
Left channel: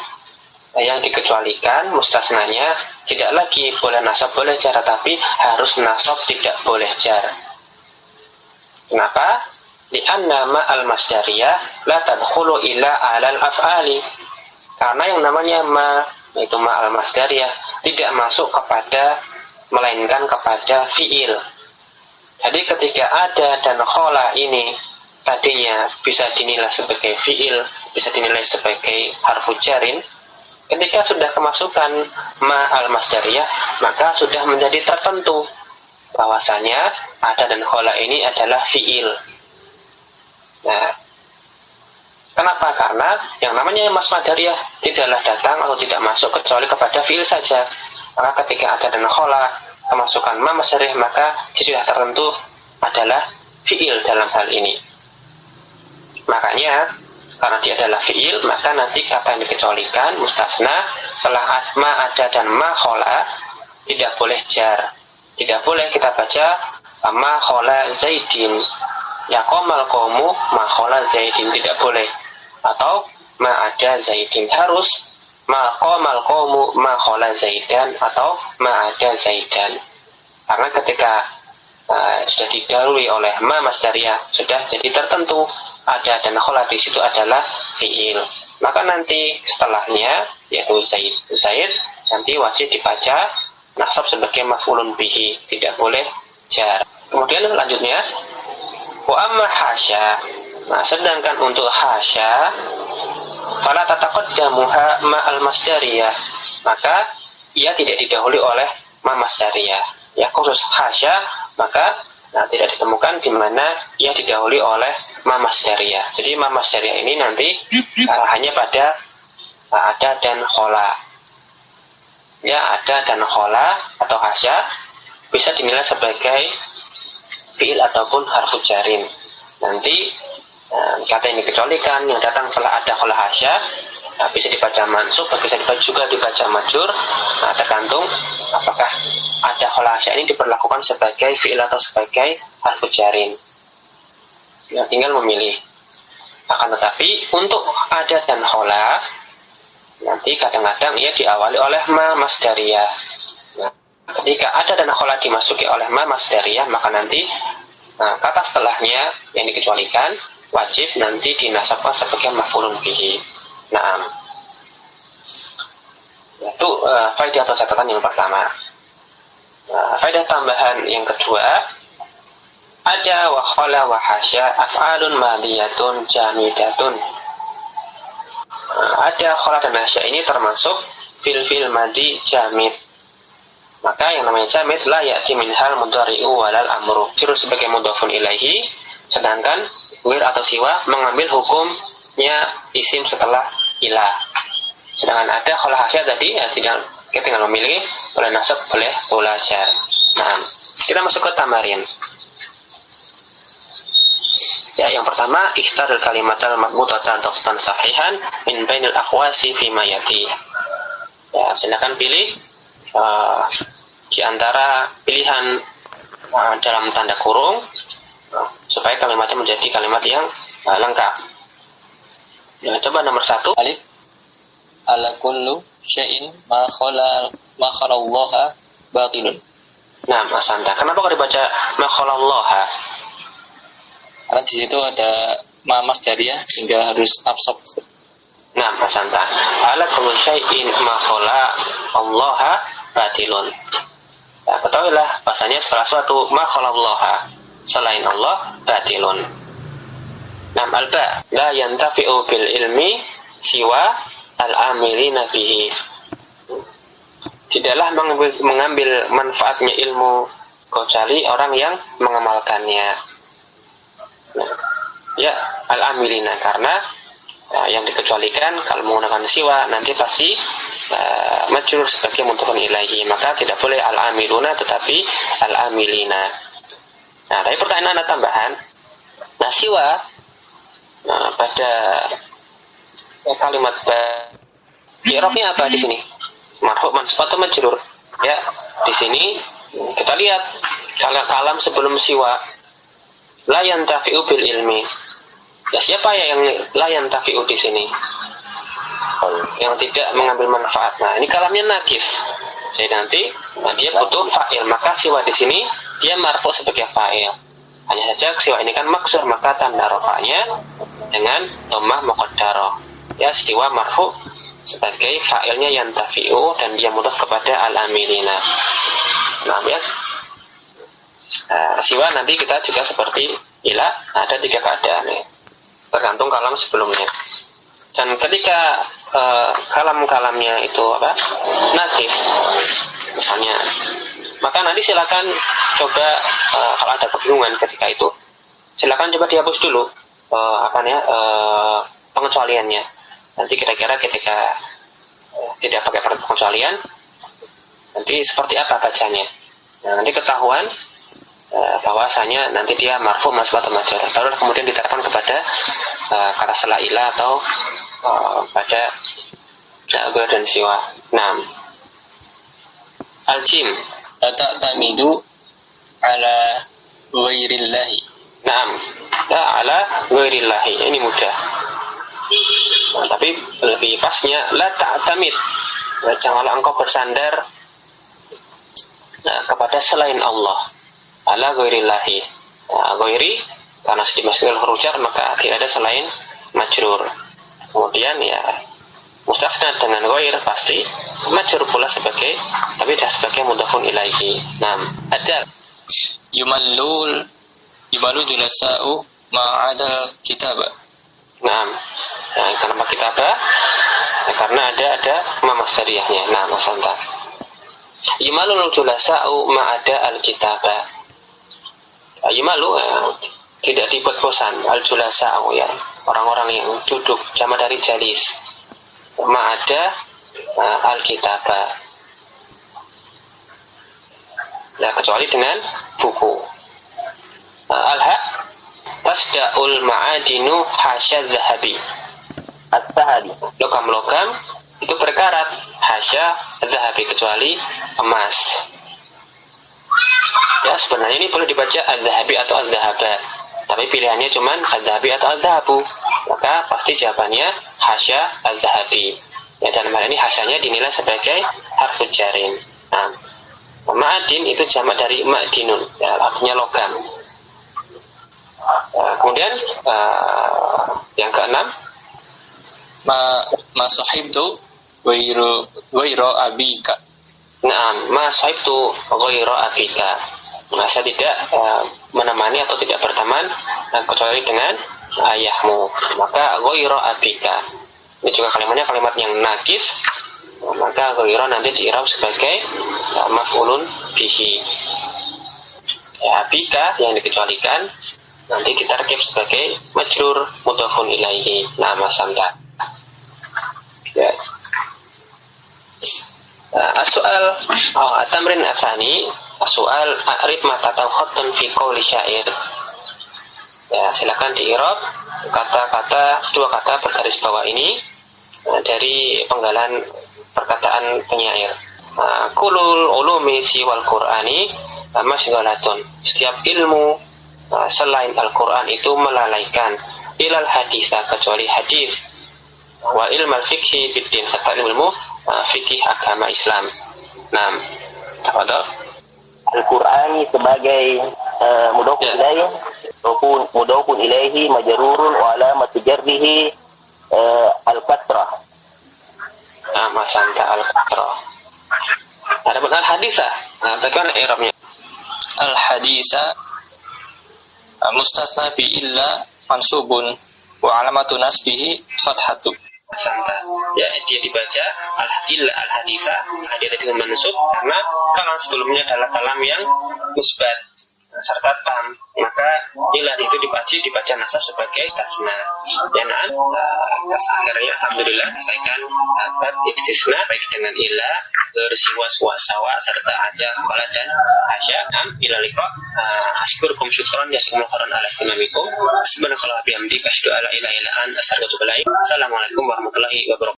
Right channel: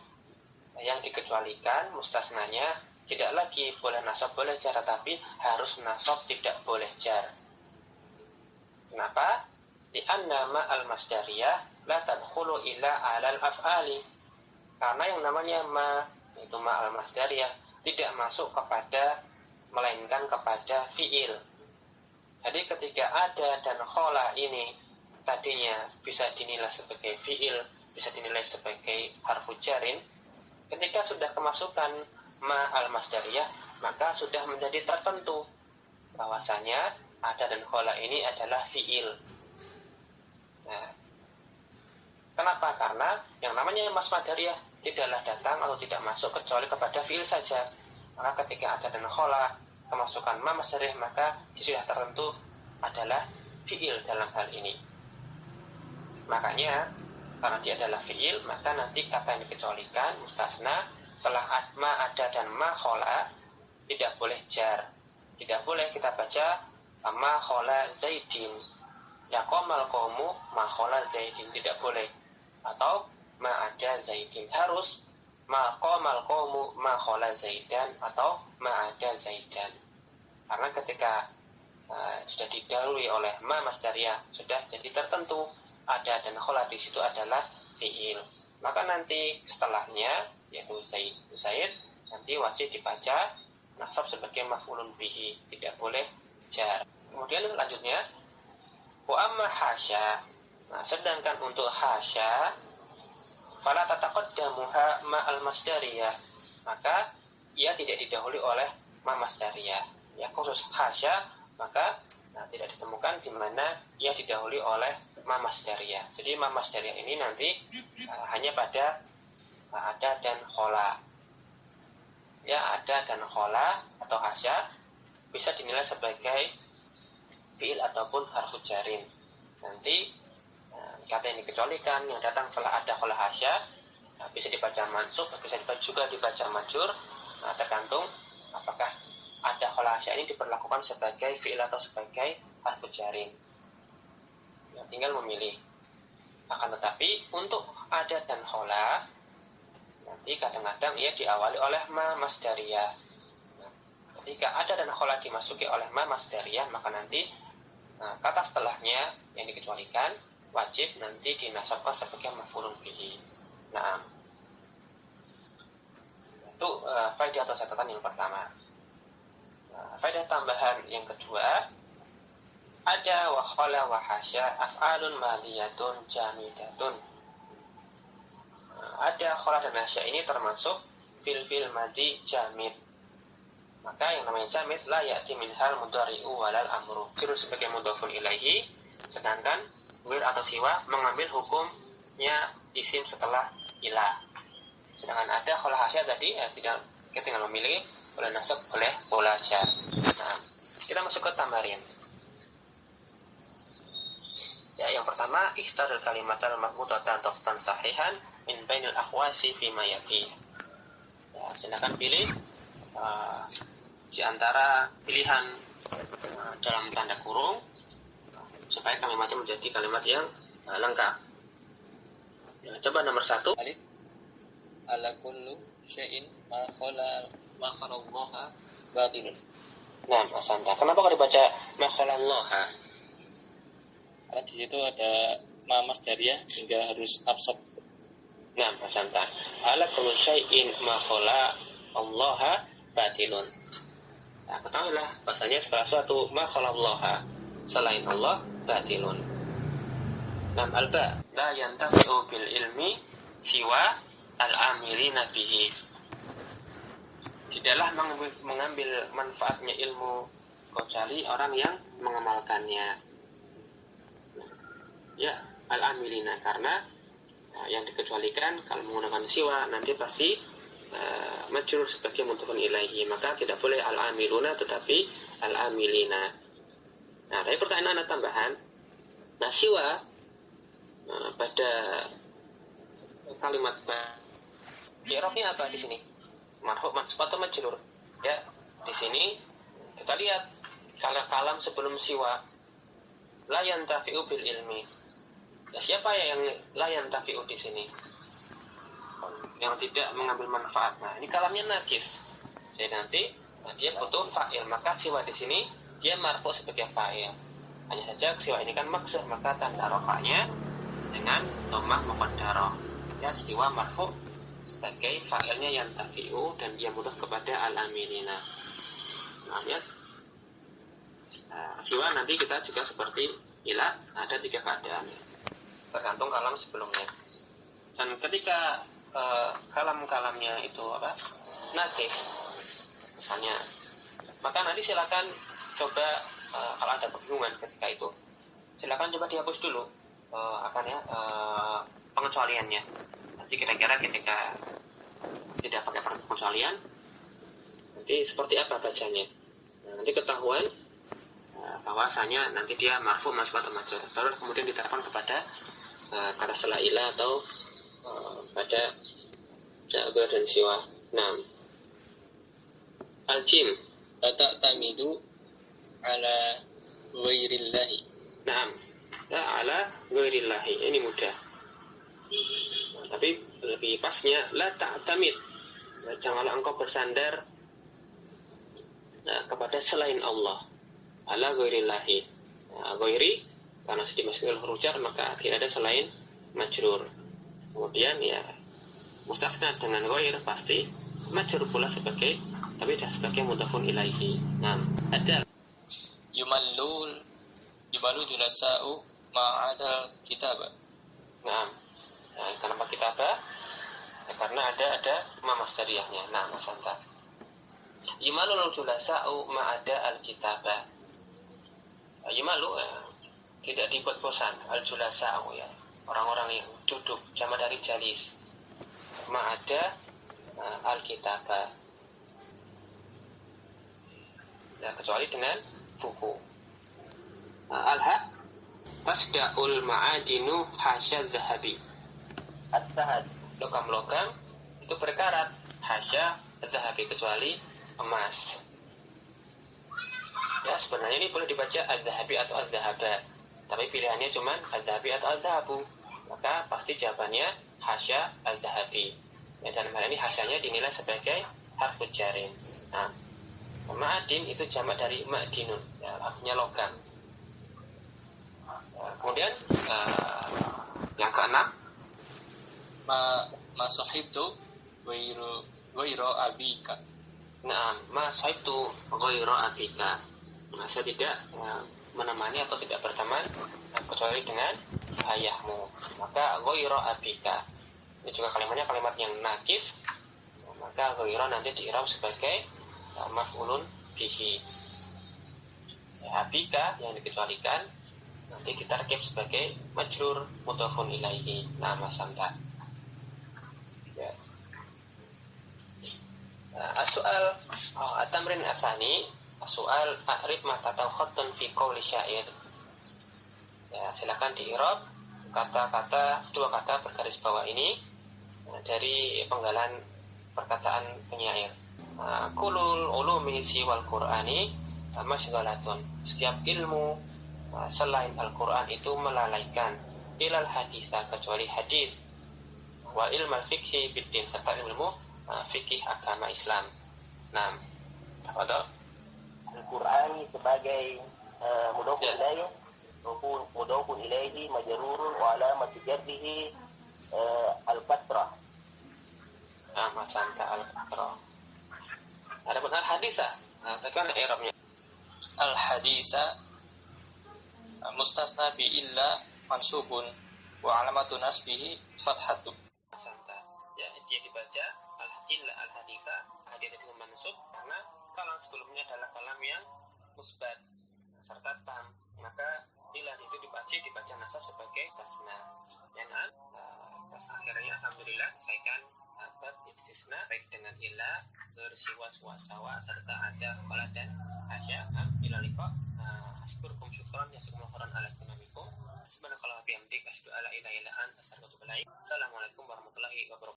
yang dikecualikan mustasnanya tidak lagi boleh nasab boleh jar, tapi harus nasab tidak boleh jar. Kenapa? Li'anna ma al-masdariyah la tadkhulu ila alal af'ali. Karena yang namanya ma, yaitu ma al-masdariyah, tidak masuk kepada, melainkan kepada fi'il. Jadi ketika ada dan khala ini tadinya bisa dinilai sebagai fi'il, bisa dinilai sebagai harfu jarin, ketika sudah kemasukan ma al-masdariyah, maka sudah menjadi tertentu bahwasanya ada dan khala ini adalah fi'il. Nah, kenapa? Karena yang namanya mas masdariyah tidaklah datang atau tidak masuk kecuali kepada fi'il saja. Maka ketika ada dan khala kemasukan ma masdariyah, maka sudah tertentu adalah fi'il dalam hal ini. Makanya karena dia adalah fi'il, maka nanti kata yang dikecualikan mustasna setelah ma ada dan ma khala tidak boleh jar. Tidak boleh kita baca ma khala zaidin, ya qamal qaumu ma khala zaidin, tidak boleh. Atau ma ada zaidin, harus ma qamal qaumu ma khala zaidan atau ma ada zaidan. Karena ketika sudah didahului oleh ma masdariyah, sudah jadi tertentu ada dan khala di situ adalah fi'il. Maka nanti setelahnya yaitu zaid nanti wajib dibaca nasab sebagai maf'ulun bihi, tidak boleh jar. Kemudian selanjutnya wa amma hasya. Nah, sedangkan untuk hasya fala tataqaddamuha ma al-masdariyah, maka ia tidak didahului oleh ma masdariyah. Ya, khusus hasya maka tidak ditemukan di mana ia didahului oleh ma masdariyah. Jadi ma masdariyah ini nanti hanya pada ada dan khala. Ya, ada dan khala atau hasya bisa dinilai sebagai fiil ataupun harfu jarin. Nanti kata yang dikecualikan yang datang setelah ada khola hasya bisa dibaca mansub, bisa juga dibaca majrur. Tergantung apakah ada khola hasya ini diperlakukan sebagai fiil atau sebagai harfu jarin. Tinggal memilih. Akan tetapi untuk ada dan khola nanti kadang-kadang ia diawali oleh ma masdariyah. Ketika ada dan khola dimasuki oleh ma masdariyah, maka nanti kata setelahnya yang dikecualikan wajib nanti dinasabkan sebagai maf'ulun bihi. Itu faedah atau catatan yang pertama. Faedah tambahan yang kedua, ada wa khala wa hasya af'alun madiyatun jamidatun. Ada khala dan hasya ini termasuk fil madi jamid. Maka yang namanya jamid la ya'ti minhal mudhari'u walal amru. Terus sebagai mudhafun ilaihi, sedangkan wir atau siwa mengambil hukumnya isim setelah ilah. Sedangkan ada khala hasya tadi kita tinggal memilih boleh nasab boleh belajar. Kita masuk ke tamarin. Ya, yang pertama ikhtar kalimatal madmutatan taqtan sahihan min bainil aqwasi fi ma yati. Ya, silakan pilih di antara pilihan dalam tanda kurung supaya kalimatnya menjadi kalimat yang lengkap. Ya, coba nomor 1. Alif ala kullu syai'in ma khalallaha batilun. Mas Anta, kenapa kok dibaca ma khalallaha? Karena di situ ada ma masdariyah sehingga harus absorb. Mas Anta, ala kullu syai'in ma khalallaha batilun. Ya, ketahuilah bahasanya setelah suatu ma khalallaha selain Allah batilun. Alba la yantafi'u bil ilmi siwa al-amilina bihi. Tidaklah mengambil manfaatnya ilmu kecuali orang yang mengamalkannya. Ya, al-amilina, karena yang dikecualikan kalau menggunakan siwa nanti pasti majrur sebagai mudhafun ilaihi, maka tidak boleh al-amiluna tetapi al-amilina. Tapi pertanyaan ada tambahan. Siwa pada kalimat i'rabnya apa di sini? Marfu, mansub atau majrur? Ya, di sini kita lihat kalau kalam sebelum siwa la yantafi'u bil ilmi. Ya, siapa yang la yantafi'u di sini? Yang tidak mengambil manfaat. Ini kalamnya nakis. Jadi nanti dia butuh fa'il, maka siwa di sini dia marfu sebagai fa'il. Hanya saja siwa ini kan maksur, maka tanda rafa'nya dengan dhammah muqaddarah. Ya, siwa marfu sebagai fa'ilnya yantafi'u dan dia mudhaf kepada al-amilina. Ya. Siwa nanti kita juga seperti ila, ada 3 keadaan ya. Tergantung kalam sebelumnya. Dan ketika kalam-kalamnya itu nakif misalnya, maka nanti silakan coba kalau ada kebingungan ketika itu, silakan coba dihapus dulu pengecualiannya. Nanti kira-kira ketika tidak pakai pengecualian nanti seperti apa bacanya. Nanti ketahuan bahwasanya nanti dia marfu mansub atau majrur. Lalu kemudian diterapkan kepada kata setelah ila atau pada ghair dan siwa. Al-jim Ta'tamidu ala ghairillahi. Ya, ala ghairillahi. Ini mudah. Tapi lebih pasnya la ta'tamid. Janganlah engkau bersandar kepada selain Allah. Ala ghairillahi. Ghairi karena dimasukkan huruf jar maka tidak ada selain majrur. Kemudian ya mustasna dengan ghair pasti majrur pula sebagai, tapi tidak sebagai mudhafun ilaihi. Ada Yumallu julasa'u ma'adal kitabah. Kenapa kitabah? Karena ada ma masdariyahnya. Mas Anta. Yumallu julasa'u ma'ada al-kitabah. Yumalu tidak dibuat bosan al-julasa'u, ya, orang-orang yang duduk, jamak dari jalis, ma'ada al-kitabah, ya, kecuali dengan buku. Al-ha tasda'ul ma'adinu hasya zahabi. As-sahabi. Logam-logam itu berkarat hasya zahabi, kecuali emas. Ya, sebenarnya ini boleh dibaca az-zahabi atau az-zahaba, tapi pilihannya cuman az-zahabi atau az-zahabu. Maka pasti jawabannya hasya az-zahabi. Ya, dalam hal ini hasyanya dinilai sebagai harful jarin. Nah, ma'adin itu jamak dari ma'dinun, ya, artinya logam. Kemudian yang keenam, ma sahibtu ghairu abika. Naam, ma sahibtu ghairu abika. Nah, saya tidak menemani atau tidak berteman kecuali dengan ayahmu. Maka ghairu abika. Ini juga kalimatnya kalimat yang nakis. Maka ghairu nanti diirab sebagai maf'ulun bihi. Ya, abika yang dikecualikan nanti ditarkib sebagai majrur mudhafun ilaihi, nama santa. Ya. As-soal at-tamrin asani, soal a'rif ma tatau khattun fi qawli syair. Ya, silakan diirab kata-kata, dua kata bergaris bawah ini dari penggalan perkataan penyair. Kulul ulumi siwal qur'ani masghalatun. Setiap ilmu selain Al-Quran itu melalaikan, ilal haditha, kecuali hadis, wa ilmal fikhi biddin, serta ilmu fikih agama Islam. Nah, tafadhal. Al-Qur'ani sebagai mudhafun ilaihi, mudhafun ilaihi majrurun wa alamatu jarrihi al-kasrah. Masanta al-kasrah. Adapun al-haditha, bagaimana i'rabnya? Al-haditha mustasna bi illa mansubun wa alamatu nasbihi fathatu. Santa. Ya, dia dibaca al-illa al-haditha, dia dengan mansub karena kalam sebelumnya adalah kalam yang musbat serta tam, maka illa itu dibaca nasab sebagai tasna. Ya, nah, akhirnya alhamdulillah selesaikan bab istisna baik dengan illa, bersiwa sawa serta ada khala dan hasya. Ila liqa, asykurukum syukran jazakumullahu khairan ala ihtimamikum. Subhanakallah bihamdika asyhadu an la ilaha illa anta astaghfiruka wa atubu ilaik. Assalamualaikum warahmatullahi wabarakatuh.